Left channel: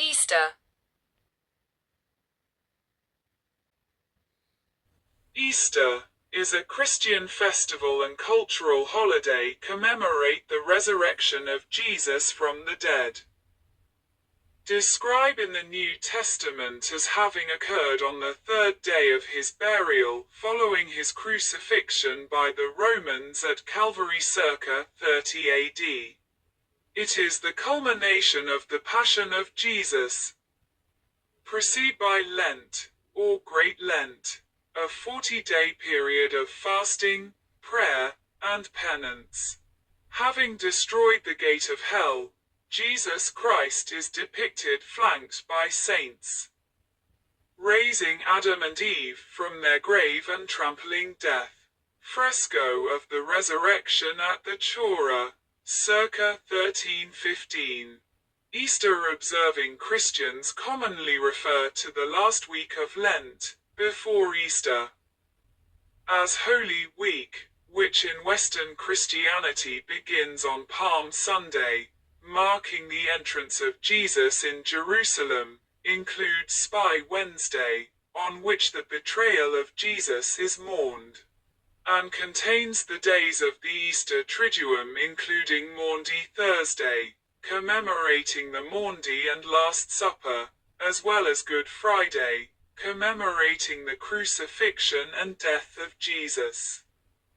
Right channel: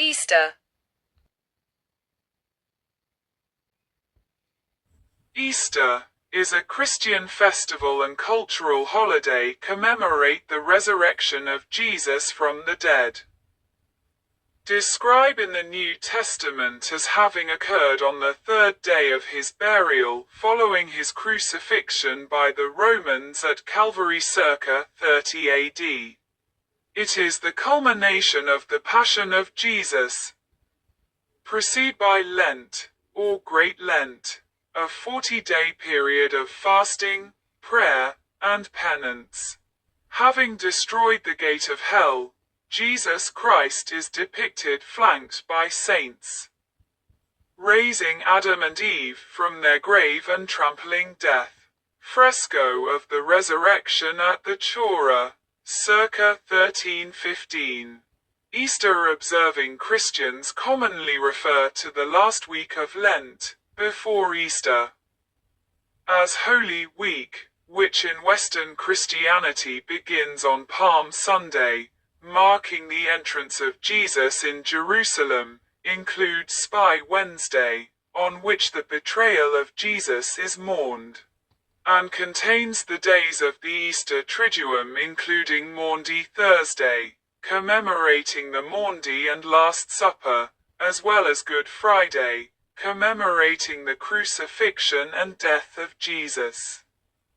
Easter. Easter is a Christian festival and cultural holiday commemorate the resurrection of Jesus from the dead. Described in the New Testament as having occurred on the third day of his burial following his crucifixion by the Romans at Calvary circa 30 AD. It is the culmination of the Passion of Jesus. Preceded by Lent, or Great Lent, a 40-day period of fasting, prayer, and penance. Having destroyed the gate of hell, Jesus Christ is depicted flanked by saints, raising Adam and Eve from their grave and trampling death. Fresco of the Resurrection at the Chora, circa 1315. Easter observing Christians commonly refer to the last week of Lent, before Easter, as Holy Week, which in Western Christianity begins on Palm Sunday, marking the entrance of Jesus in Jerusalem, includes Spy Wednesday, on which the betrayal of Jesus is mourned, and contains the days of the Easter Triduum including Maundy Thursday, commemorating the Maundy and Last Supper, as well as Good Friday, commemorating the crucifixion and death of Jesus.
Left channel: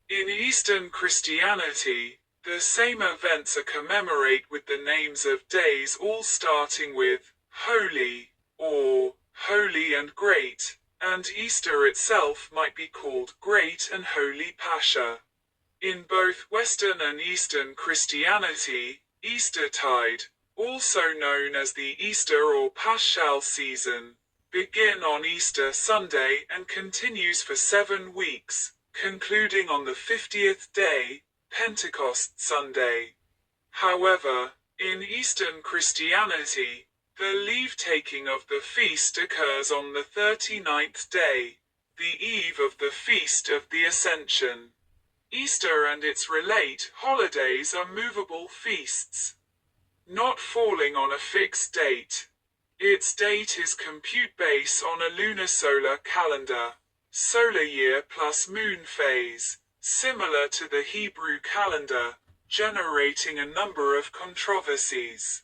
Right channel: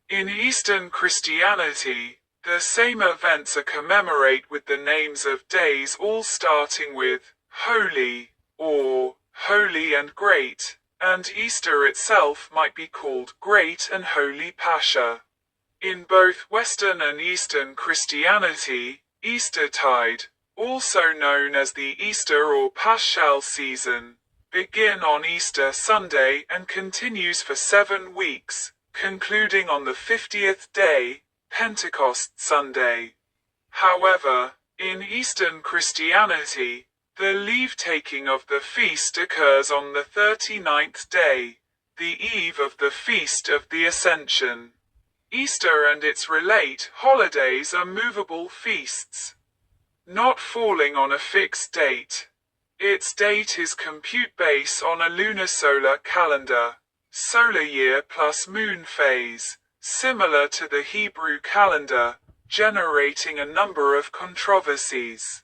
In Eastern Christianity, the same events are commemorated with the names of days all starting with Holy, or Holy and Great, and Easter itself might be called Great and Holy Pascha. In both Western and Eastern Christianity, Eastertide, also known as the Easter or Paschal season, begin on Easter Sunday and continues for 7 weeks, concluding on the 50th day, Pentecost Sunday. However, in Eastern Christianity, the leave-taking of the feast occurs on the 39th day, the eve of the Feast of the Ascension. Easter and its relate holidays are movable feasts, not falling on a fixed date. Its date is compute based on a lunisolar calendar, solar year plus moon phase, similar to the Hebrew calendar, generating a number of controversies.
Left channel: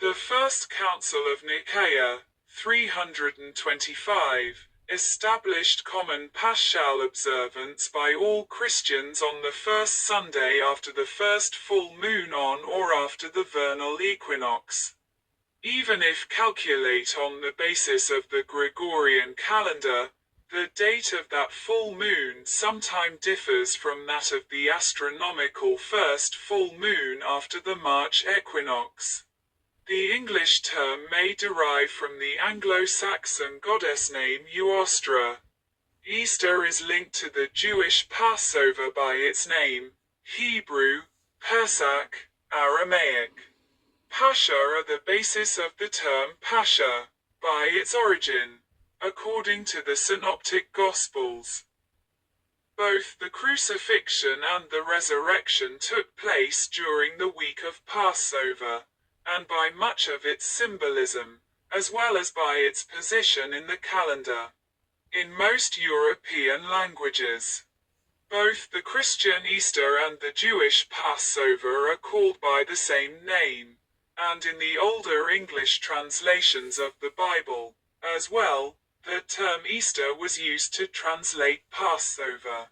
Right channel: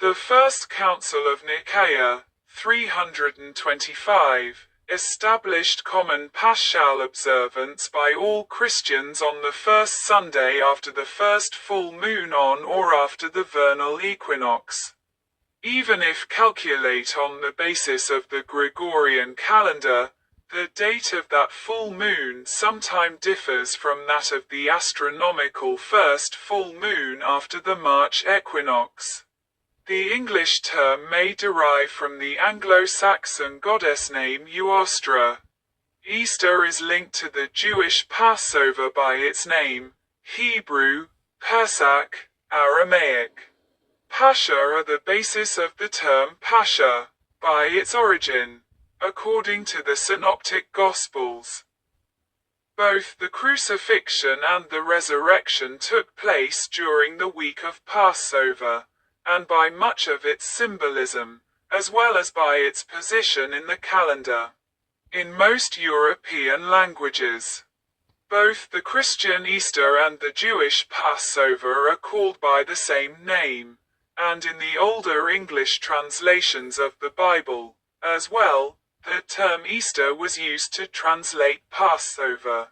The First Council of Nicaea, 325, established common Paschal observance by all Christians on the first Sunday after the first full moon on or after the vernal equinox. Even if calculate on the basis of the Gregorian calendar, the date of that full moon sometime differs from that of the astronomical first full moon after the March equinox. The English term may derive from the Anglo-Saxon goddess name Euostra. Easter is linked to the Jewish Passover by its name, Hebrew, Pesach, Aramaic. Pascha are the basis of the term Pascha, by its origin, according to the Synoptic Gospels. Both the crucifixion and the resurrection took place during the week of Passover, and by much of its symbolism, as well as by its position in the calendar. In most European languages, both the Christian Easter and the Jewish Passover are called by the same name, and in the older English translations of the Bible, as well, the term Easter was used to translate Passover.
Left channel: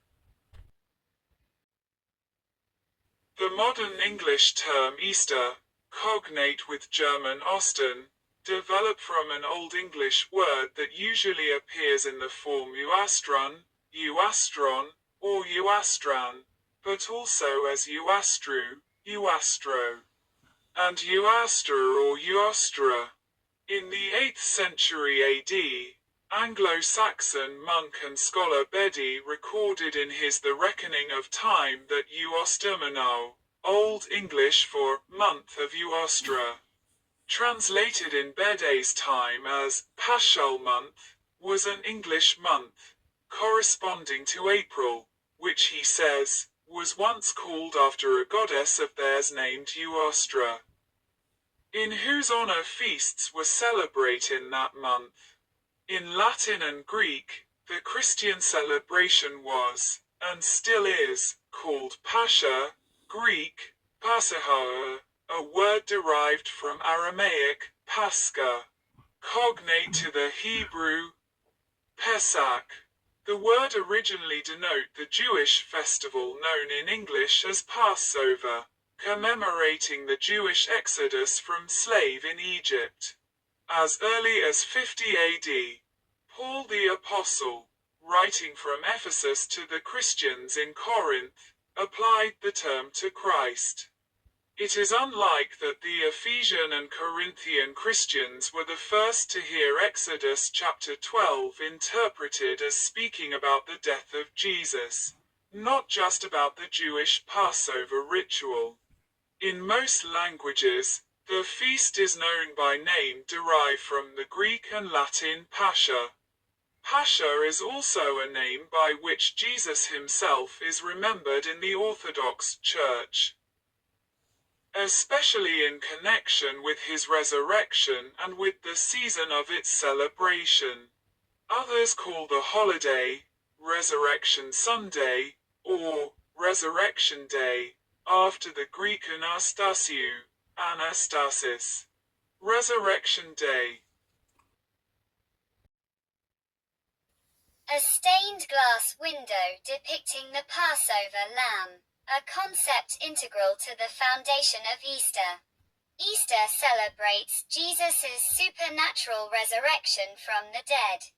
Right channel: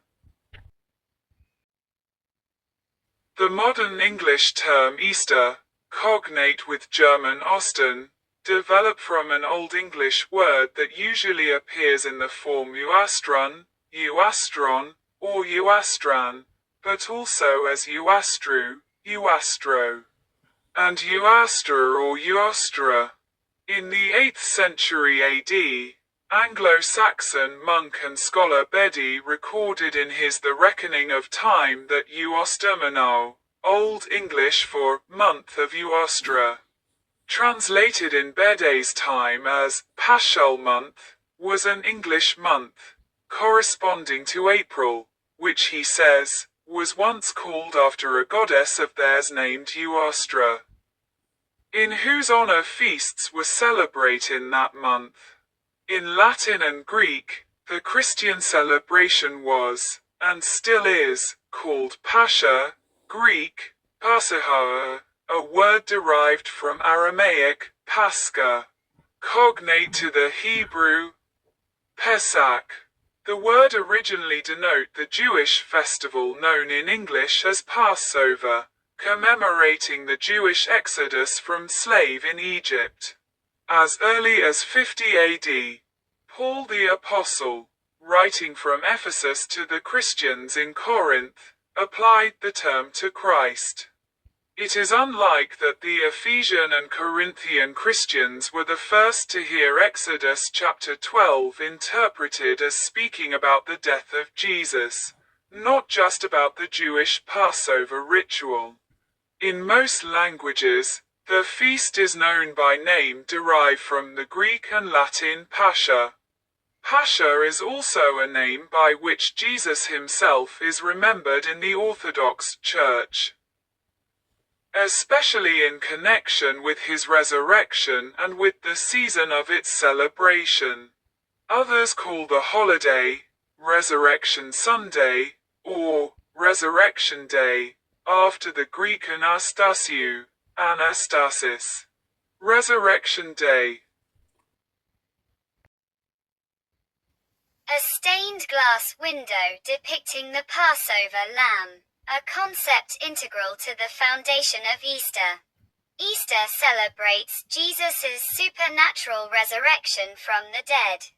The modern English term Easter, cognate with German Ostern, developed from an Old English word that usually appears in the form Euastron, Euastron, or Euastran, but also as Euastru, Euastro, and Euaster or Euostra. In the 8th century AD, Anglo-Saxon monk and scholar Bede recorded in his The Reckoning of Time that Euostermanau, Old English for month of Euostra, translated in Bede's time as Paschal month, was an English month, corresponding to April, which he says, was once called after a goddess of theirs named Euostra. in whose honor feasts were celebrated in that month. In Latin and Greek, the Christian celebration was, and still is, called Pascha, Greek, Pascha, a word derived from Aramaic, Pascha, cognate to the Hebrew, Pesach. The word originally denoted the Jewish festival known in English as Passover, commemorating the Jewish exodus from slave in Egypt. As early as 50 AD, Paul the Apostle, writing from Ephesus to the Christians in Corinth, applied the term to Christ. It is unlike that the Ephesian and Corinthian Christians were the first to hear Exodus chapter 12 interpreted as speaking about the death of Jesus, not just about the Jewish Passover ritual. In most languages, the feast is known by name derived from the Greek and Latin Pascha. Pascha is also a name by which Jesus himself is remembered in the Orthodox Church, especially in connection with his resurrection and with the season of its celebration. Others call the holiday Resurrection Sunday, or Resurrection Day, after the Greek Anastasiou, Anastasis. Resurrection Day. A stained glass window depicting the Passover lamb, a concept integral to the foundation of Easter. Easter celebrates Jesus' supernatural resurrection from the dead,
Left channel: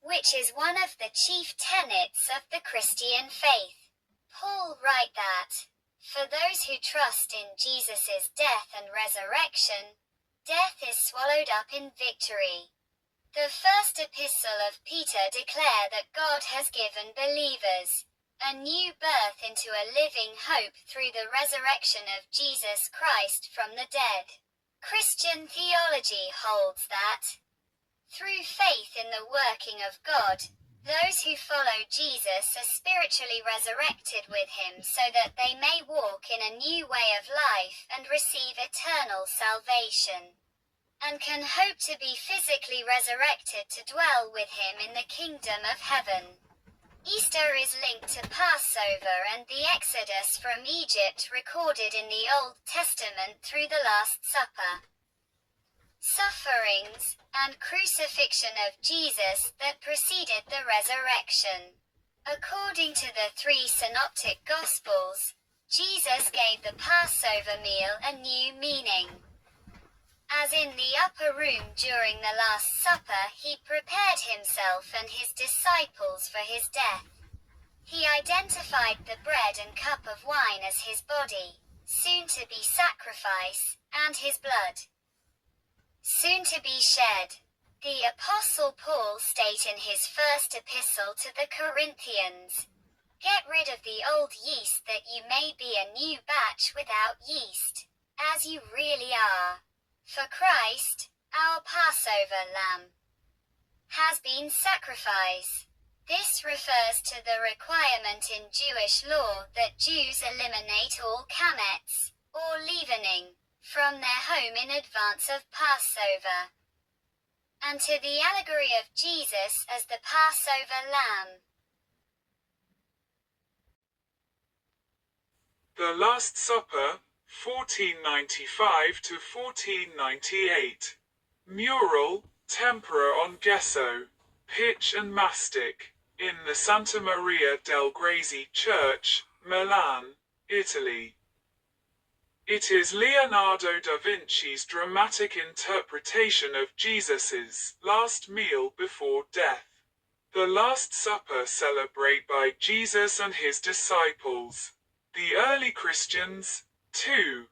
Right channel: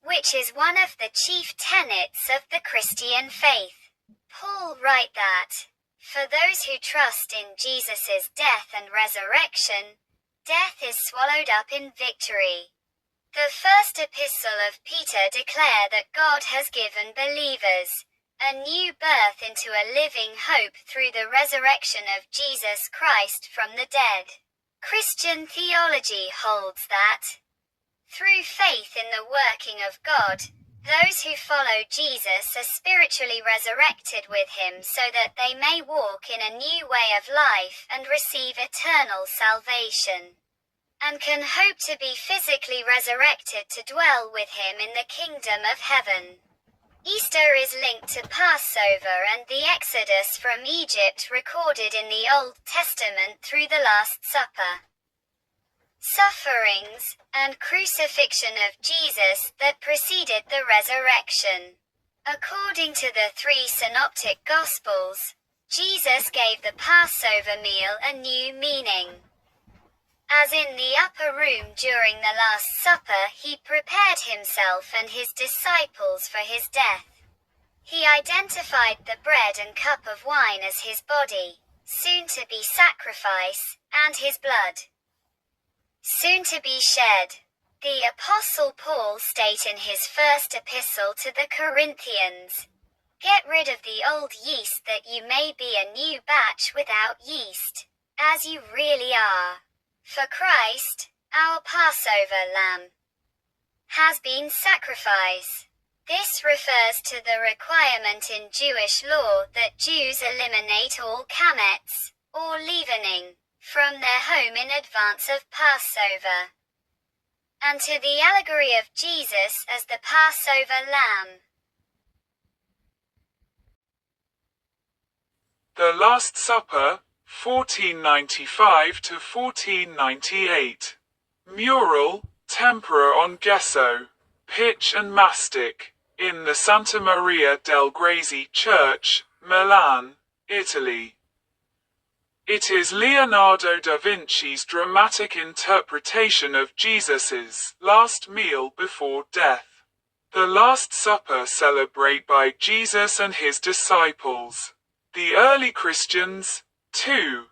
which is one of the chief tenets of the Christian faith. Paul writes that, for those who trust in Jesus' death and resurrection, death is swallowed up in victory. The first epistle of Peter declares that God has given believers a new birth into a living hope through the resurrection of Jesus Christ from the dead. Christian theology holds that, through faith in the working of God, those who follow Jesus are spiritually resurrected with him so that they may walk in a new way of life and receive eternal salvation, and can hope to be physically resurrected to dwell with him in the kingdom of heaven. Easter is linked to Passover and the Exodus from Egypt recorded in the Old Testament through the Last Supper, sufferings, and crucifixion of Jesus that preceded the resurrection. According to the three synoptic Gospels, Jesus gave the Passover meal a new meaning. As in the upper room during the Last Supper, he prepared himself and his disciples for his death. He identified the bread and cup of wine as his body, soon to be sacrifice, and his blood, soon to be shed. The Apostle Paul states in his first epistle to the Corinthians, "Get rid of the old yeast that you may be a new batch without yeast, as you really are. For Christ, our Passover lamb, has been sacrificed." This refers to the requirement in Jewish law that Jews eliminate all chametz, or leavening, from their home in advance of Passover, and to the allegory of Jesus as the Passover lamb. The Last Supper, 1495 to 1498. Mural, tempera on gesso, pitch and mastic, in the Santa Maria del Grazie Church, Milan, Italy. It is Leonardo da Vinci's dramatic interpretation of Jesus's last meal before death. The Last Supper celebrated by Jesus and his disciples. The early Christians, too,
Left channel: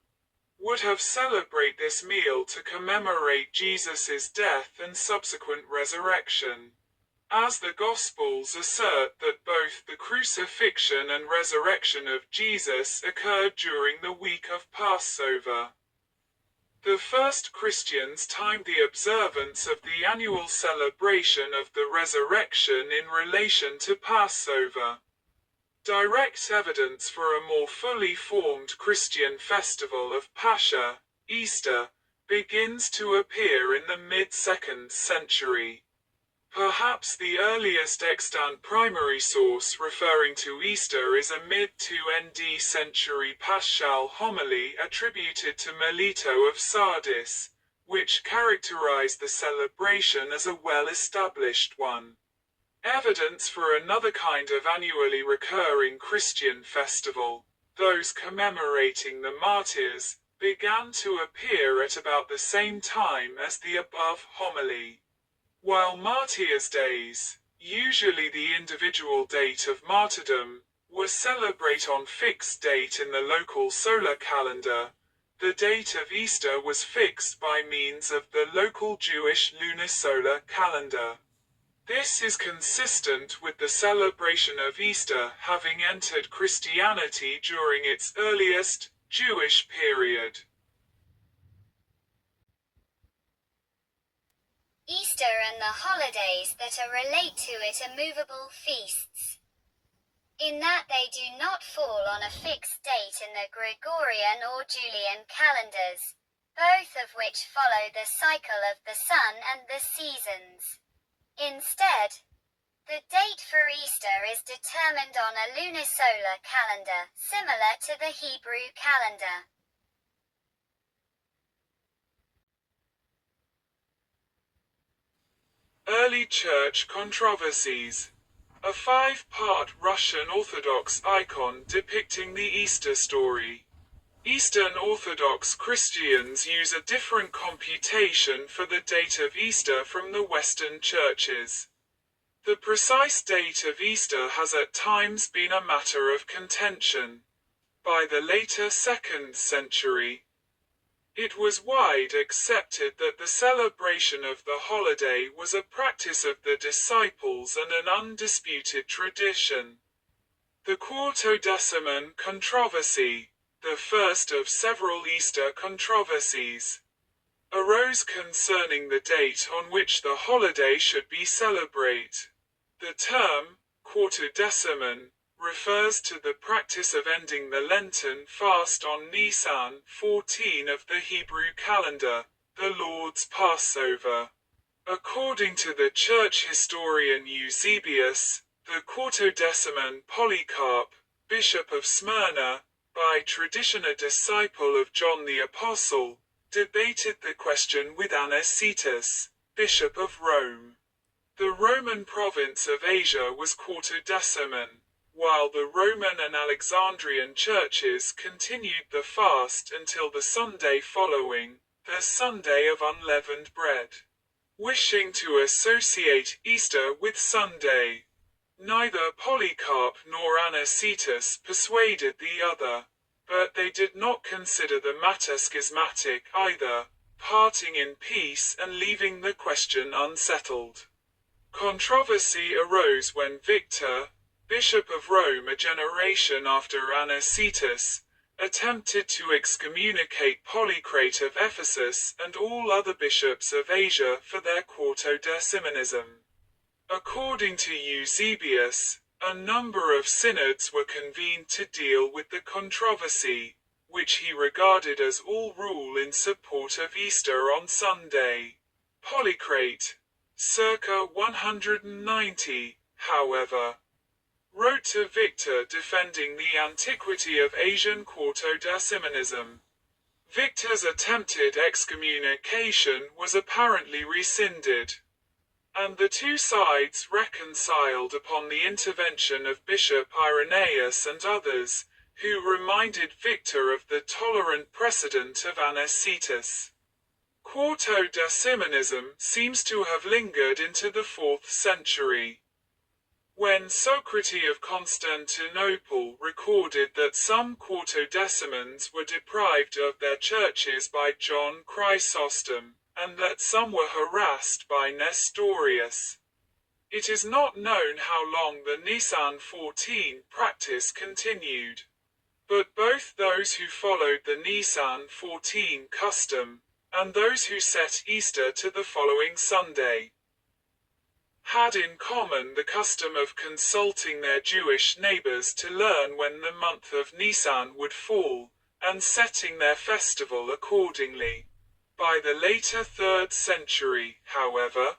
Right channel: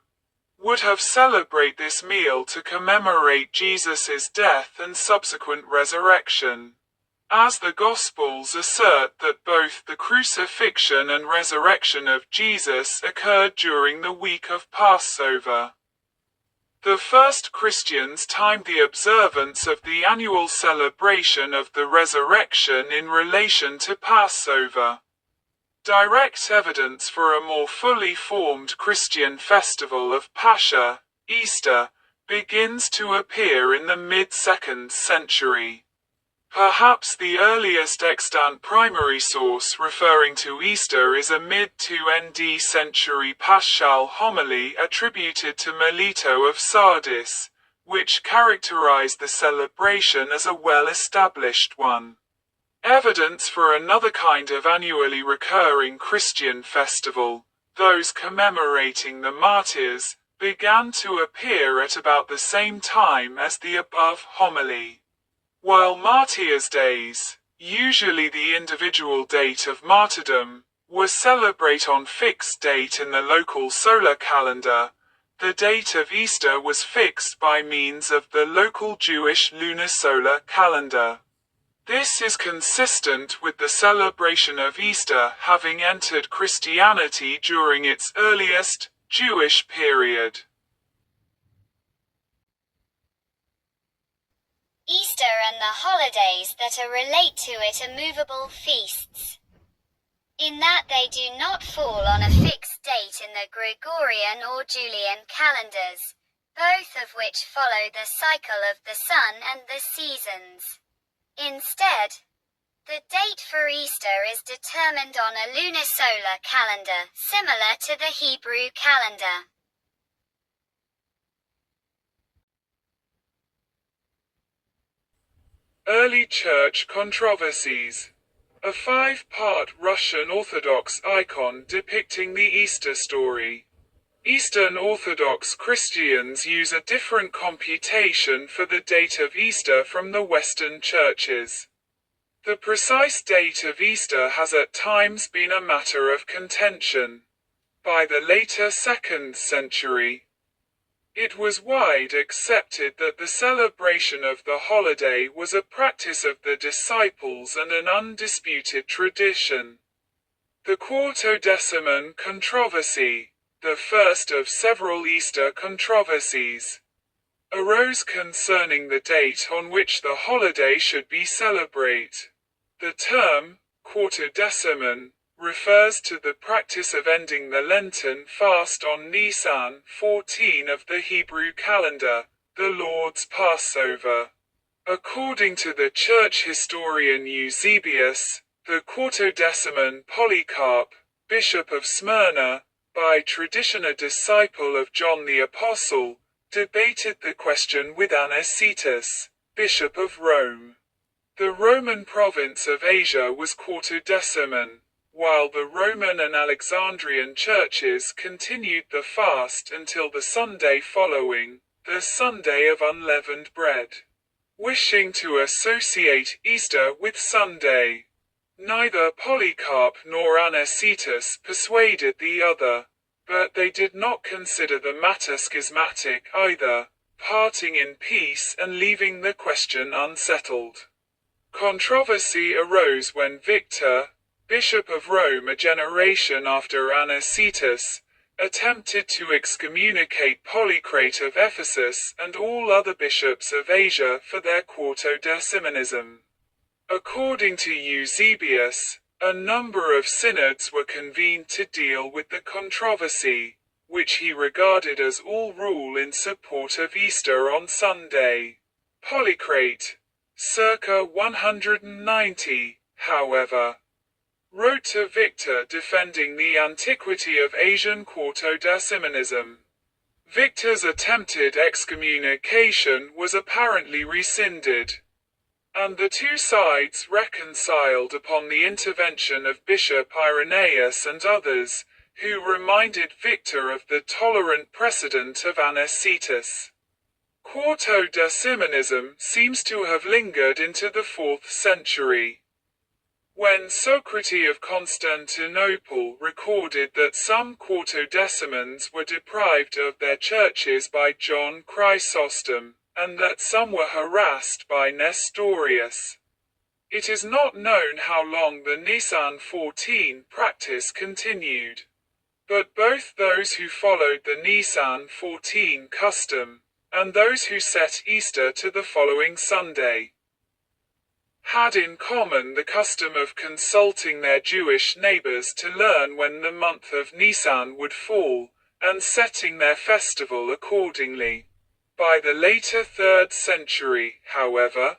would have celebrated this meal to commemorate Jesus' death and subsequent resurrection, as the Gospels assert that both the crucifixion and resurrection of Jesus occurred during the week of Passover. The first Christians timed the observance of the annual celebration of the resurrection in relation to Passover. Direct evidence for a more fully formed Christian festival of Pascha, Easter, begins to appear in the mid-2nd century. Perhaps the earliest extant primary source referring to Easter is a mid-2nd century paschal homily attributed to Melito of Sardis, which characterized the celebration as a well-established one. Evidence for another kind of annually recurring Christian festival, those commemorating the martyrs, began to appear at about the same time as the above homily. While martyrs' days, usually the individual date of martyrdom, were celebrated on fixed date in the local solar calendar, the date of Easter was fixed by means of the local Jewish lunisolar calendar. This is consistent with the celebration of Easter having entered Christianity during its earliest, Jewish period. Easter and the holidays that are relate to it are movable feasts, in that they do not fall on a fixed date in the Gregorian or Julian calendars, both of which follow the cycle of the sun and the seasons. Instead, the date for Easter is determined on a lunisolar calendar, similar to the Hebrew calendar. Early Church controversies. A 5-part Russian Orthodox icon depicting the Easter story. Eastern Orthodox Christians use a different computation for the date of Easter from the Western churches. The precise date of Easter has at times been a matter of contention. By the later 2nd century, it was widely accepted that the celebration of the holiday was a practice of the disciples and an undisputed tradition. The Quartodeciman controversy, the first of several Easter controversies, arose concerning the date on which the holiday should be celebrated. The term, Quartodeciman, refers to the practice of ending the Lenten fast on Nisan 14 of the Hebrew calendar, the Lord's Passover. According to the church historian Eusebius, the Quartodeciman Polycarp, Bishop of Smyrna, by tradition a disciple of John the Apostle, debated the question with Anicetus, Bishop of Rome. The Roman province of Asia was Quartodeciman, while the Roman and Alexandrian churches continued the fast until the Sunday following, the Sunday of Unleavened Bread. Wishing to associate Easter with Sunday, neither Polycarp nor Anicetus persuaded the other, but they did not consider the matter schismatic either, parting in peace and leaving the question unsettled. Controversy arose when Victor, Bishop of Rome a generation after Anicetus, attempted to excommunicate Polycrate of Ephesus and all other bishops of Asia for their Quartodecimanism. According to Eusebius, a number of synods were convened to deal with the controversy, which he regarded as all rule in support of Easter on Sunday. Polycrate, circa 190, however, wrote to Victor defending the antiquity of Asian Quartodecimanism. Victor's attempted excommunication was apparently rescinded, and the two sides reconciled upon the intervention of Bishop Irenaeus and others, who reminded Victor of the tolerant precedent of Anicetus. Quartodecimanism seems to have lingered into the 4th century, when Socrates of Constantinople recorded that some Quartodecimans were deprived of their churches by John Chrysostom, and that some were harassed by Nestorius. It is not known how long the Nisan 14 practice continued, but both those who followed the Nisan 14 custom, and those who set Easter to the following Sunday, had in common the custom of consulting their Jewish neighbors to learn when the month of Nisan would fall, and setting their festival accordingly. By the later 3rd century, however,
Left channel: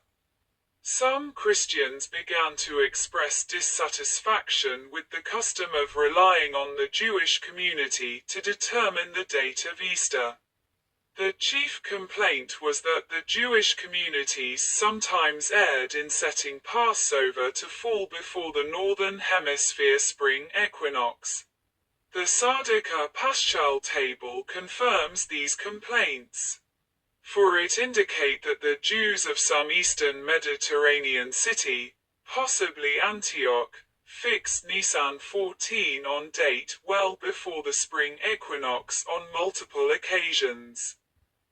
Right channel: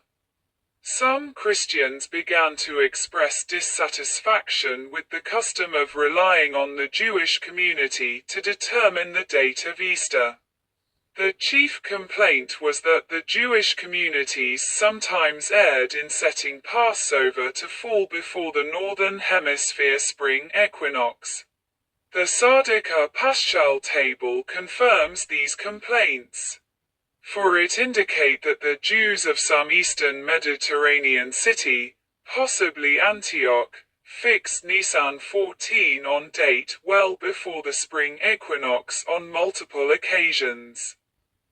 some Christians began to express dissatisfaction with the custom of relying on the Jewish community to determine the date of Easter. The chief complaint was that the Jewish communities sometimes erred in setting Passover to fall before the Northern Hemisphere spring equinox. The Sardica Paschal table confirms these complaints, for it indicate that the Jews of some eastern Mediterranean city, possibly Antioch, fixed Nisan 14 on date well before the spring equinox on multiple occasions.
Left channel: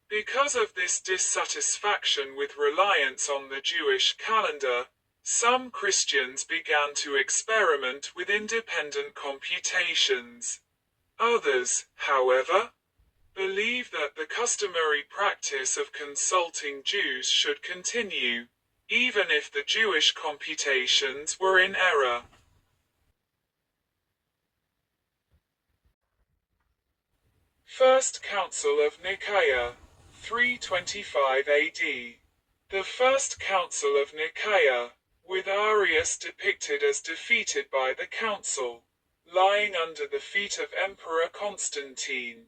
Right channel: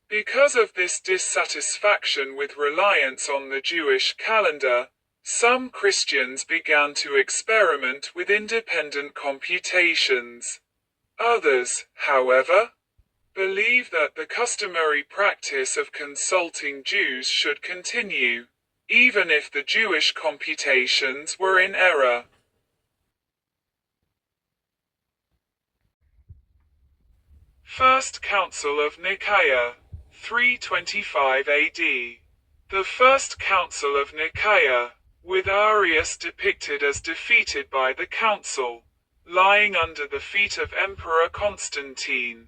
Because of this dissatisfaction with reliance on the Jewish calendar, some Christians began to experiment with independent computations. Others, however, believe that the customary practice of consulting Jews should continue, even if the Jewish computations were in error. First Council of Nicaea, 325 AD. The First Council of Nicaea, with Arius depicted as defeated by the council, lying under the feet of Emperor Constantine.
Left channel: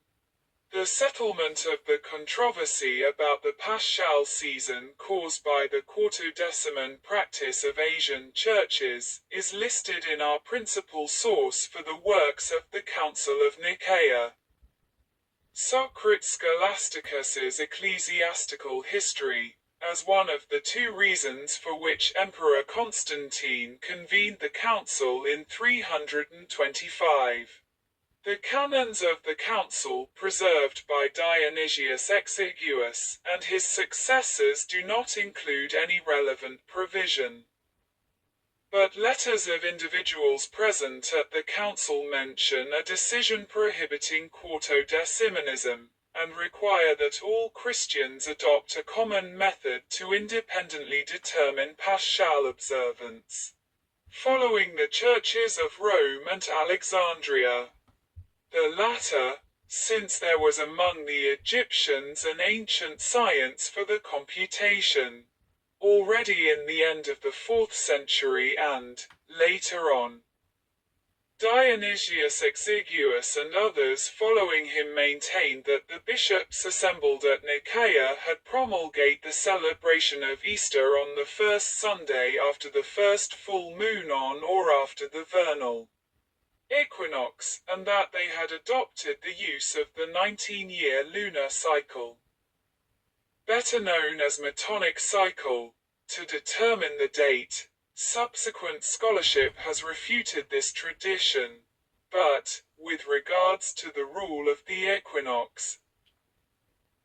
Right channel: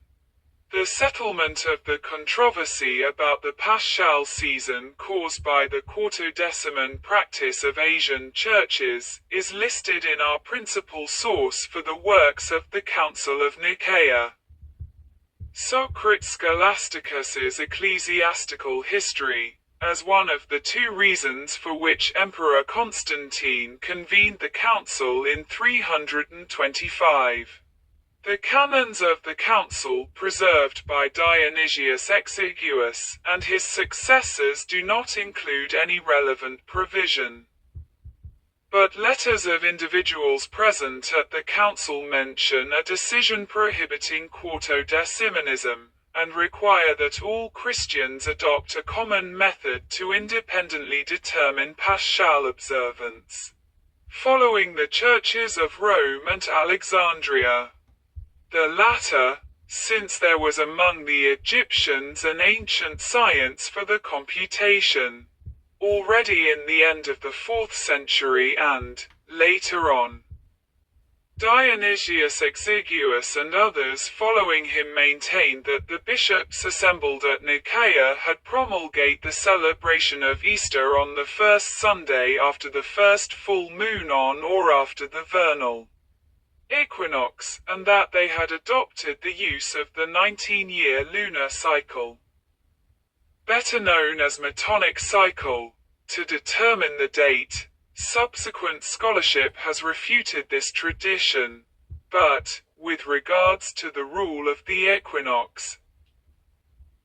The settlement of the controversy about the Paschal season caused by the Quartodeciman practice of Asian churches is listed in our principal source for the works of the Council of Nicaea. Socrates Scholasticus's Ecclesiastical History, as one of the two reasons for which Emperor Constantine convened the council in 325. The canons of the council preserved by Dionysius Exiguus and his successors do not include any relevant provision. But letters of individuals present at the council mention a decision prohibiting quartodecimanism, and require that all Christians adopt a common method to independently determine Paschal observance, following the churches of Rome and Alexandria. The latter, since there was among the Egyptians an ancient science for the computation, already in the end of the 4th century and, later on, Dionysius Exiguus and others following him maintained that the bishops assembled at Nicaea had promulgated the celebration of Easter on the first Sunday after the first full moon on or after the vernal equinox, and that they had adopted the use of the 19-year lunar cycle, better known as Metonic cycle, to determine the date. Subsequent scholarship has refuted this tradition, but, with regards to the rule of the equinox,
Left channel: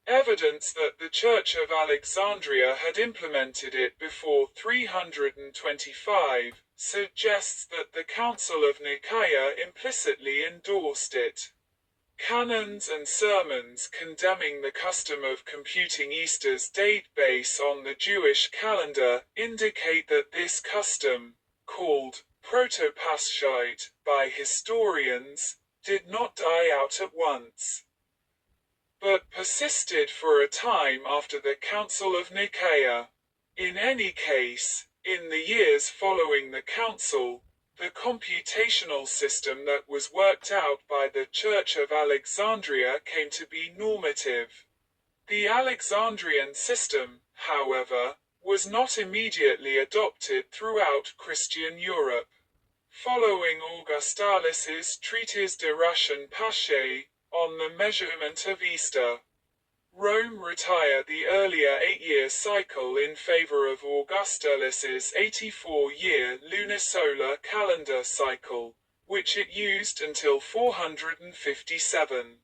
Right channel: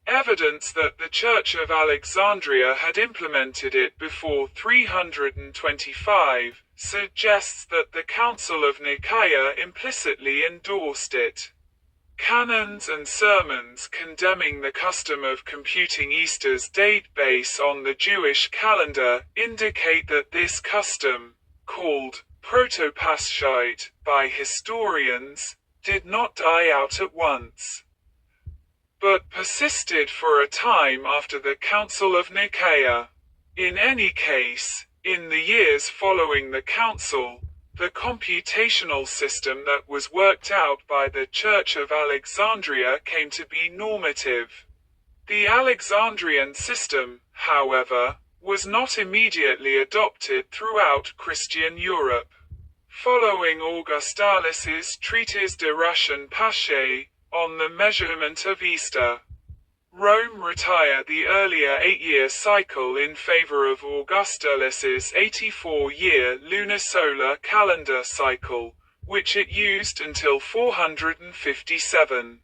evidence that the Church of Alexandria had implemented it before 325 suggests that the Council of Nicaea implicitly endorsed it. Canons and sermons condemning the custom of computing Easter's date based on the Jewish calendar indicate that this custom, called proto-Paschite by historians, did not die out at once, but persisted for a time after the Council of Nicaea. In any case, in the years following the council, the computational system that was worked out by the Church of Alexandria came to be normative. The Alexandrian system, however, was not immediately adopted throughout Christian Europe. Following Augustalis's Treatise de Ration Paschae, on the measurement of Easter, Rome retired the earlier 8-year cycle in favor of Augustalis's 84-year lunisolar calendar cycle, which it used until 457.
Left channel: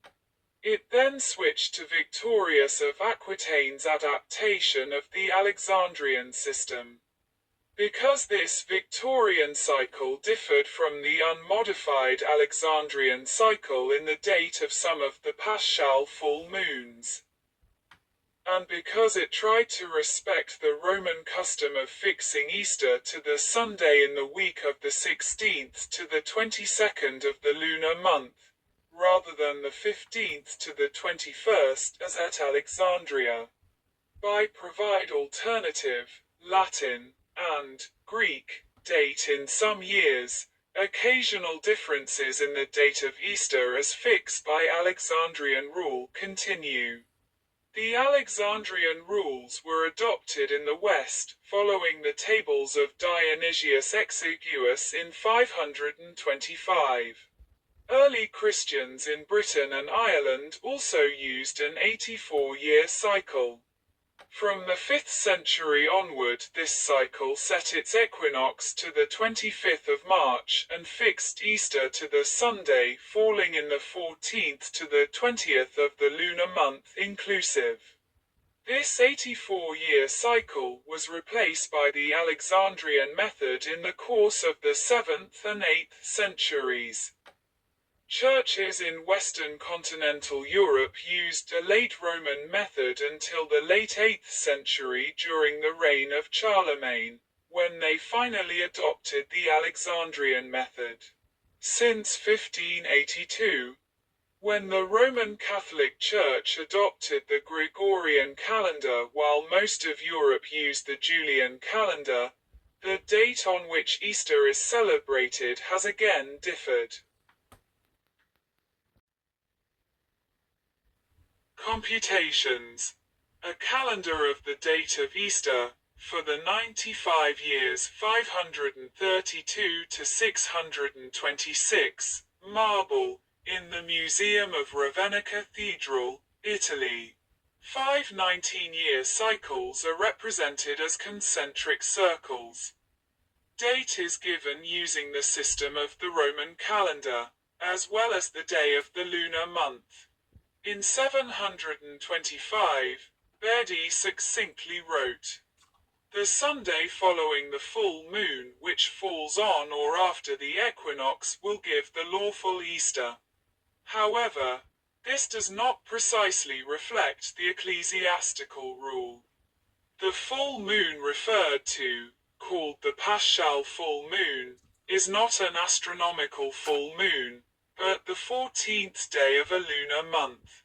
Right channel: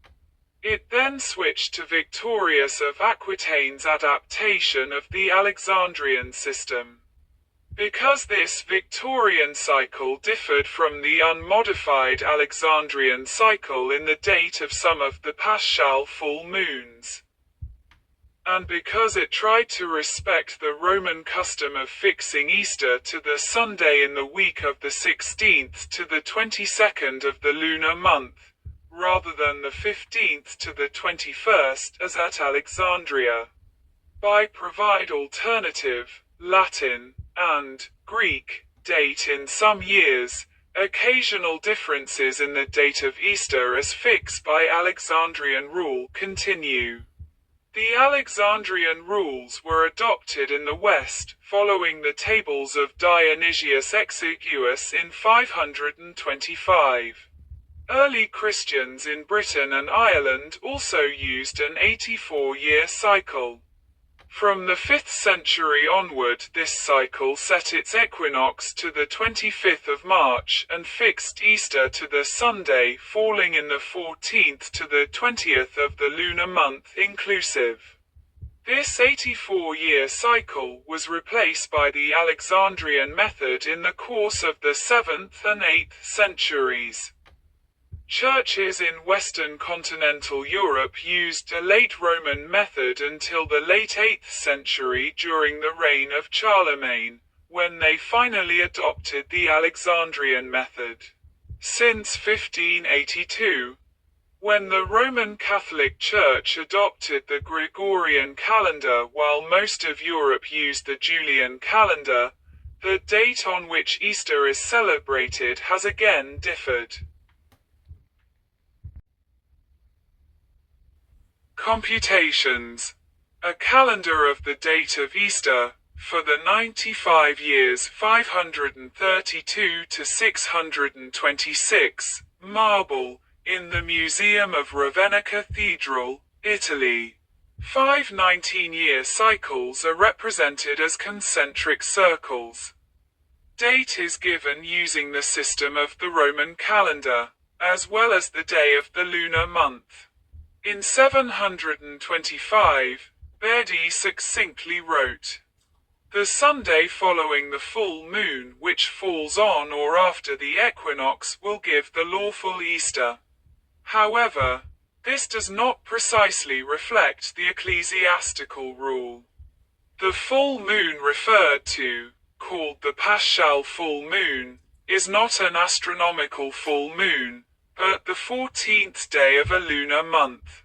It then switched to Victorius of Aquitaine's adaptation of the Alexandrian system. Because this Victorian cycle differed from the unmodified Alexandrian cycle in the date of some of the Paschal full moons, and because it tried to respect the Roman custom of fixing Easter to the Sunday in the week of the 16th to the 22nd of the lunar month, rather than the 15th to the 21st as at Alexandria. By provide alternative, Latin, and Greek, date in some years, occasional differences in the date of Easter as fixed by Alexandrian rule continue. The Alexandrian rules were adopted in the West, following the tables of Dionysius Exiguus in 525. Early Christians in Britain and Ireland also used an 84-year cycle. From the 5th century onward, this cycle set its equinox to the 25th of March and fixed Easter to the Sunday falling in the 14th to the 20th of the lunar month inclusive. This 84-year cycle was replaced by the Alexandrian method in the course of the 7th and 8th centuries. Churches in Western continental Europe used a late Roman method until the late 8th century during the reign of Charlemagne, when they finally adopted the Alexandrian method. Since 1582, when the Roman Catholic Church adopted the Gregorian calendar while most of Europe used the Julian calendar, the date on which Easter is celebrated has again differed. Computations. A calendar of the date of Easter, for the 95 years 532 to 626, marble, in the Museum of Ravenna Cathedral, Italy. 5 19-year cycles are represented as concentric circles. Date is given using the system of the Roman calendar, as well as the day of the lunar month. In 725, Bedi succinctly wrote, "The Sunday following the full moon which falls on or after the equinox will give the lawful Easter." However, this does not precisely reflect the ecclesiastical rule. The full moon referred to, called the Paschal full moon, is not an astronomical full moon, but the 14th day of a lunar month.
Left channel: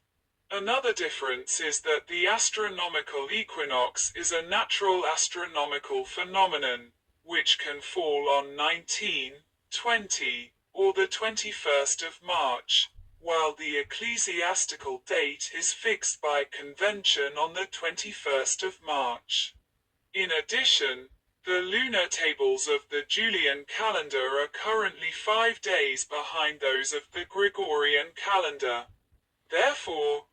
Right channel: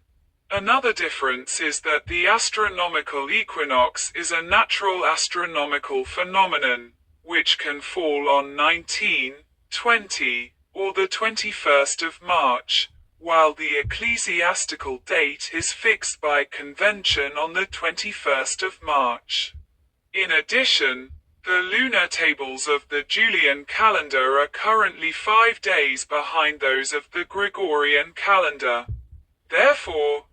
Another difference is that the astronomical equinox is a natural astronomical phenomenon, which can fall on 19, 20, or the 21st of March, while the ecclesiastical date is fixed by convention on the 21st of March. In addition, the lunar tables of the Julian calendar are currently 5 days behind those of the Gregorian calendar. Therefore,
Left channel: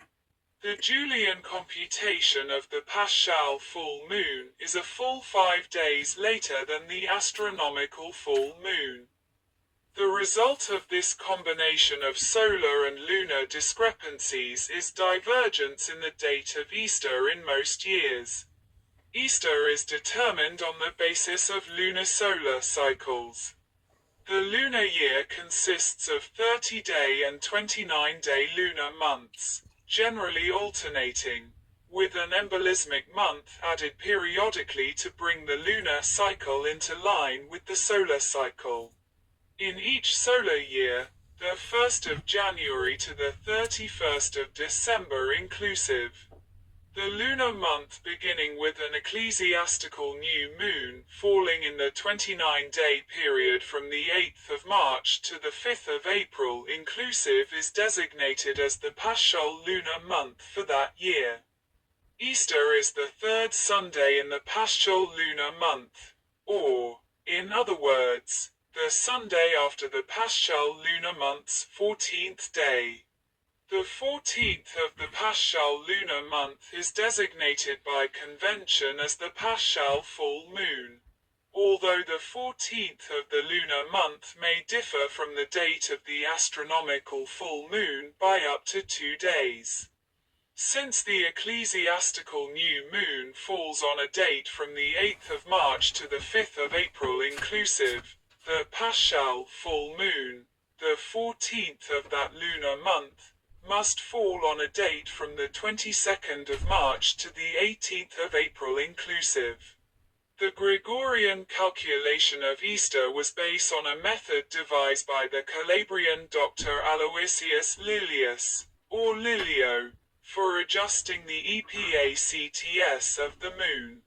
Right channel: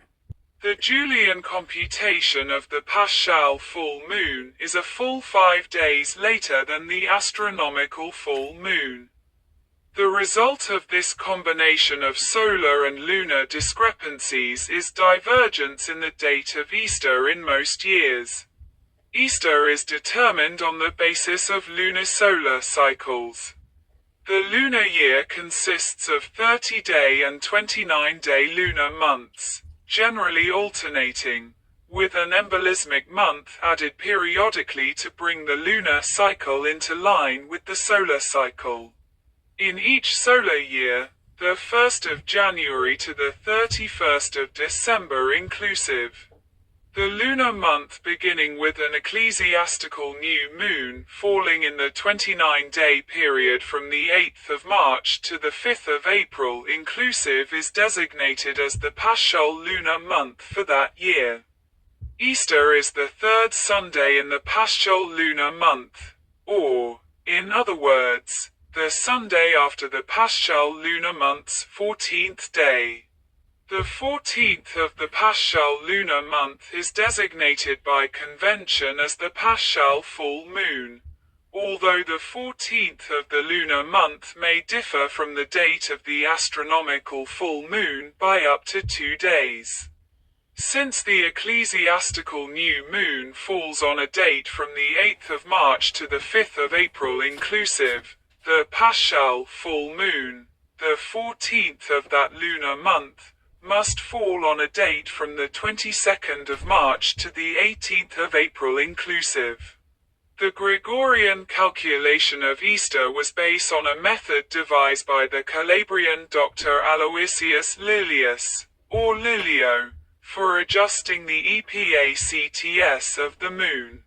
the Julian computation of the Paschal full moon is a full 5 days later than the astronomical full moon. The result of this combination of solar and lunar discrepancies is divergence in the date of Easter in most years. Easter is determined on the basis of lunar-solar cycles. The lunar year consists of 30-day and 29-day lunar months, generally alternating, with an embolismic month added periodically to bring the lunar cycle into line with the solar cycle. In each solar year, the 1st of January to the 31st of December inclusive. The lunar month beginning with an ecclesiastical new moon falling in the 29-day period from the 8th of March to the 5th of April inclusive is designated as the Paschal lunar month for that year. Easter is the third Sunday in the Paschal lunar month, or, in other words, the Sunday after the Paschal lunar month's 14th day. The 14th of the Paschal lunar month is designated by convention as the Paschal full moon, although the 14th of the lunar month may differ from the date of the astronomical full moon by up to 2 days. Since the ecclesiastical new moon falls on a date from the 8th of March to the 5th of April inclusive, the Paschal full moon, the 14th of that lunar month, must fall on a date from the 22nd of March to the 18th of April inclusive. The Gregorian calculation of Easter was based on a method devised by the Calabrian Dr. Aloysius Lilius, or Lilio, for adjusting the EPACTS of the moon,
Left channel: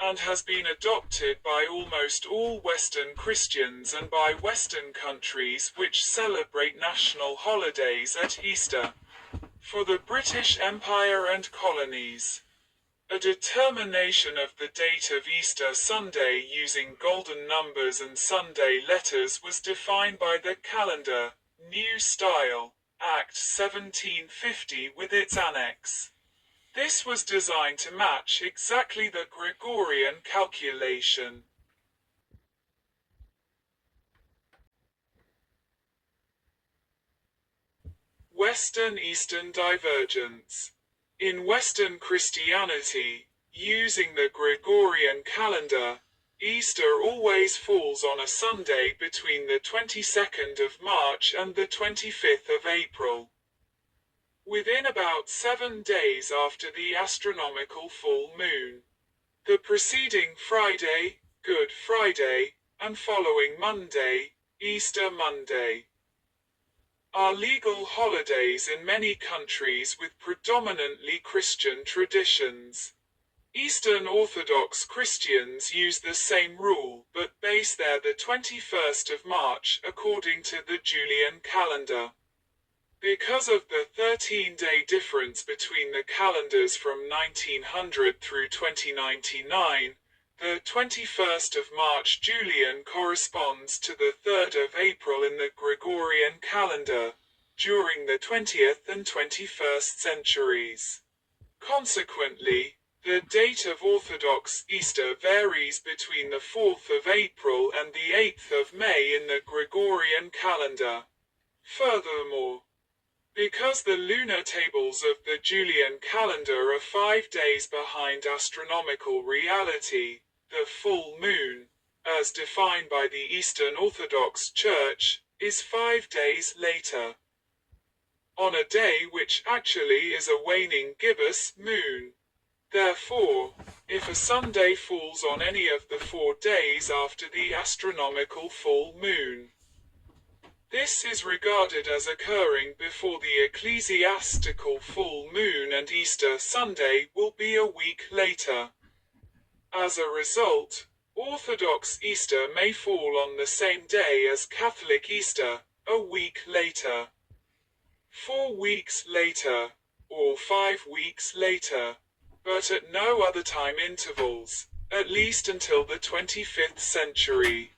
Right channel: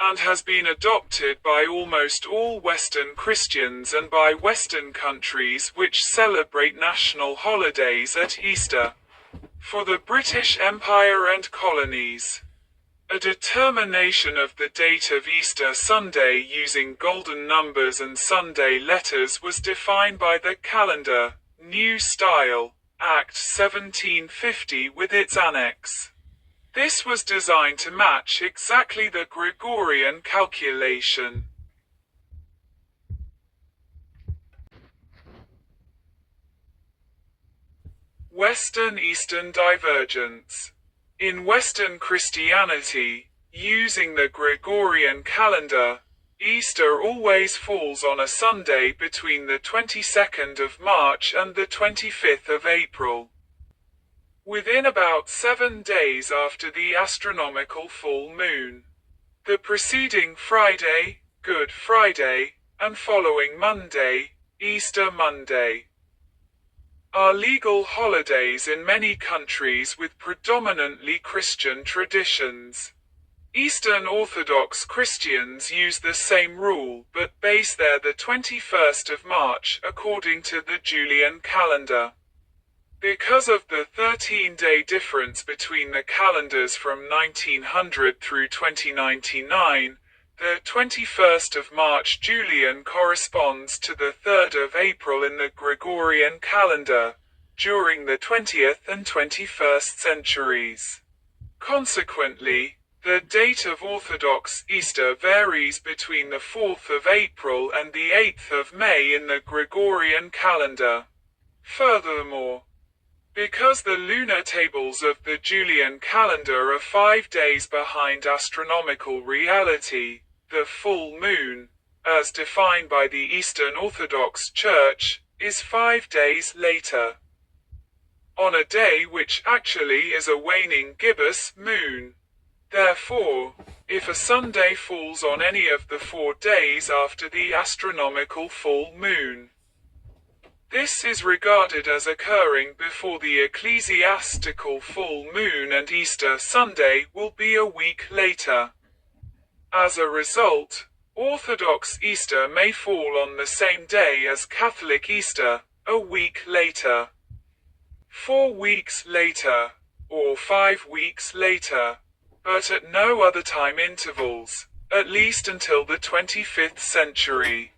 and has been adopted by almost all Western Christians and by Western countries which celebrate national holidays at Easter. For the British Empire and colonies, a determination of the date of Easter Sunday using golden numbers and Sunday letters was defined by the Calendar, New Style, Act 1750 with its annex. This was designed to match exactly the Gregorian calculation. Western-Eastern divergence. In Western Christianity, using the Gregorian calendar, Easter always falls on a Sunday between the 22nd of March and the 25th of April, within about 7 days after the astronomical full moon. The preceding Friday, Good Friday, and following Monday, Easter Monday, are legal holidays in many countries with predominantly Christian traditions. Eastern Orthodox Christians use the same rule but base their the 21st of March according to the Julian calendar. Because of the 13-day difference between the calendars from 1900 through 2099, the 21st of March Julian corresponds to the 3rd of April in the Gregorian calendar, during the 20th and 21st centuries. Consequently, the date of Orthodox Easter varies between the 4th of April and the 8th of May in the Gregorian calendar. Furthermore, because the lunar tables of the Julian calendar are 5 days behind astronomical reality, the full moon, as defined by the Eastern Orthodox Church, is 5 days later, on a day which actually is a waning gibbous moon. Therefore, if a Sunday falls on any of the 4 days after the astronomical full moon, this is regarded as occurring before the ecclesiastical full moon, and Easter Sunday will be a week later. As a result, Orthodox Easter may fall on the same day as Catholic Easter, a week later, 4 weeks later, or 5 weeks later, but at no other time intervals, at least until the 25th century.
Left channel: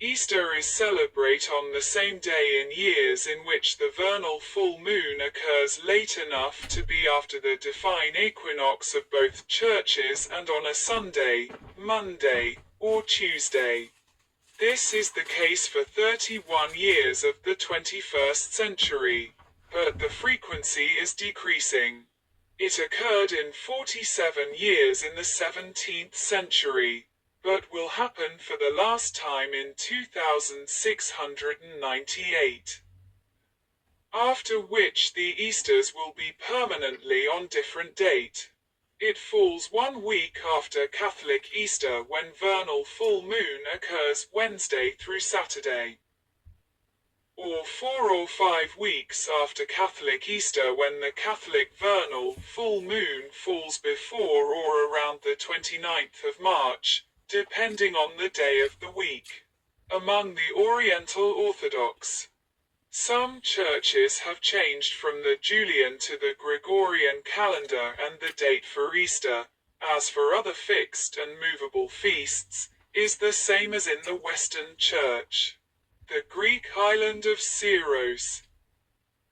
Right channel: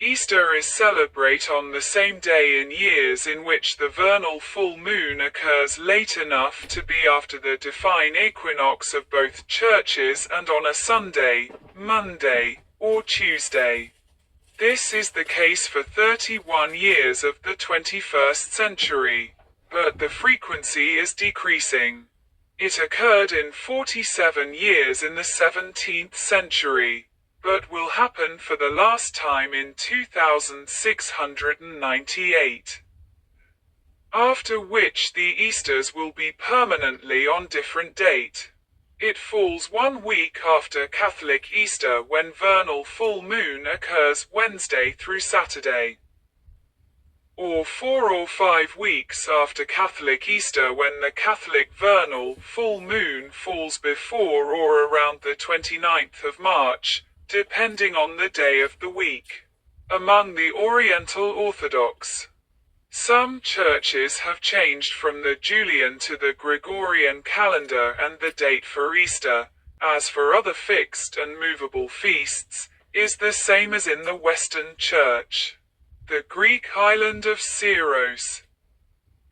Easter is celebrated on the same day in years in which the vernal full moon occurs late enough to be after the divine equinox of both churches and on a Sunday, Monday, or Tuesday. This is the case for 31 years of the 21st century, but the frequency is decreasing. It occurred in 47 years in the 17th century, but will happen for the last time in 2698. After which the Easters will be permanently on different date. It falls 1 week after Catholic Easter when vernal full moon occurs Wednesday through Saturday, or 4 or 5 weeks after Catholic Easter when the Catholic vernal full moon falls before or around the 29th of March, depending on the day of the week. Among the Oriental Orthodox, some churches have changed from the Julian to the Gregorian calendar and the date for Easter, as for other fixed and movable feasts, is the same as in the Western Church. The Greek island of Syros,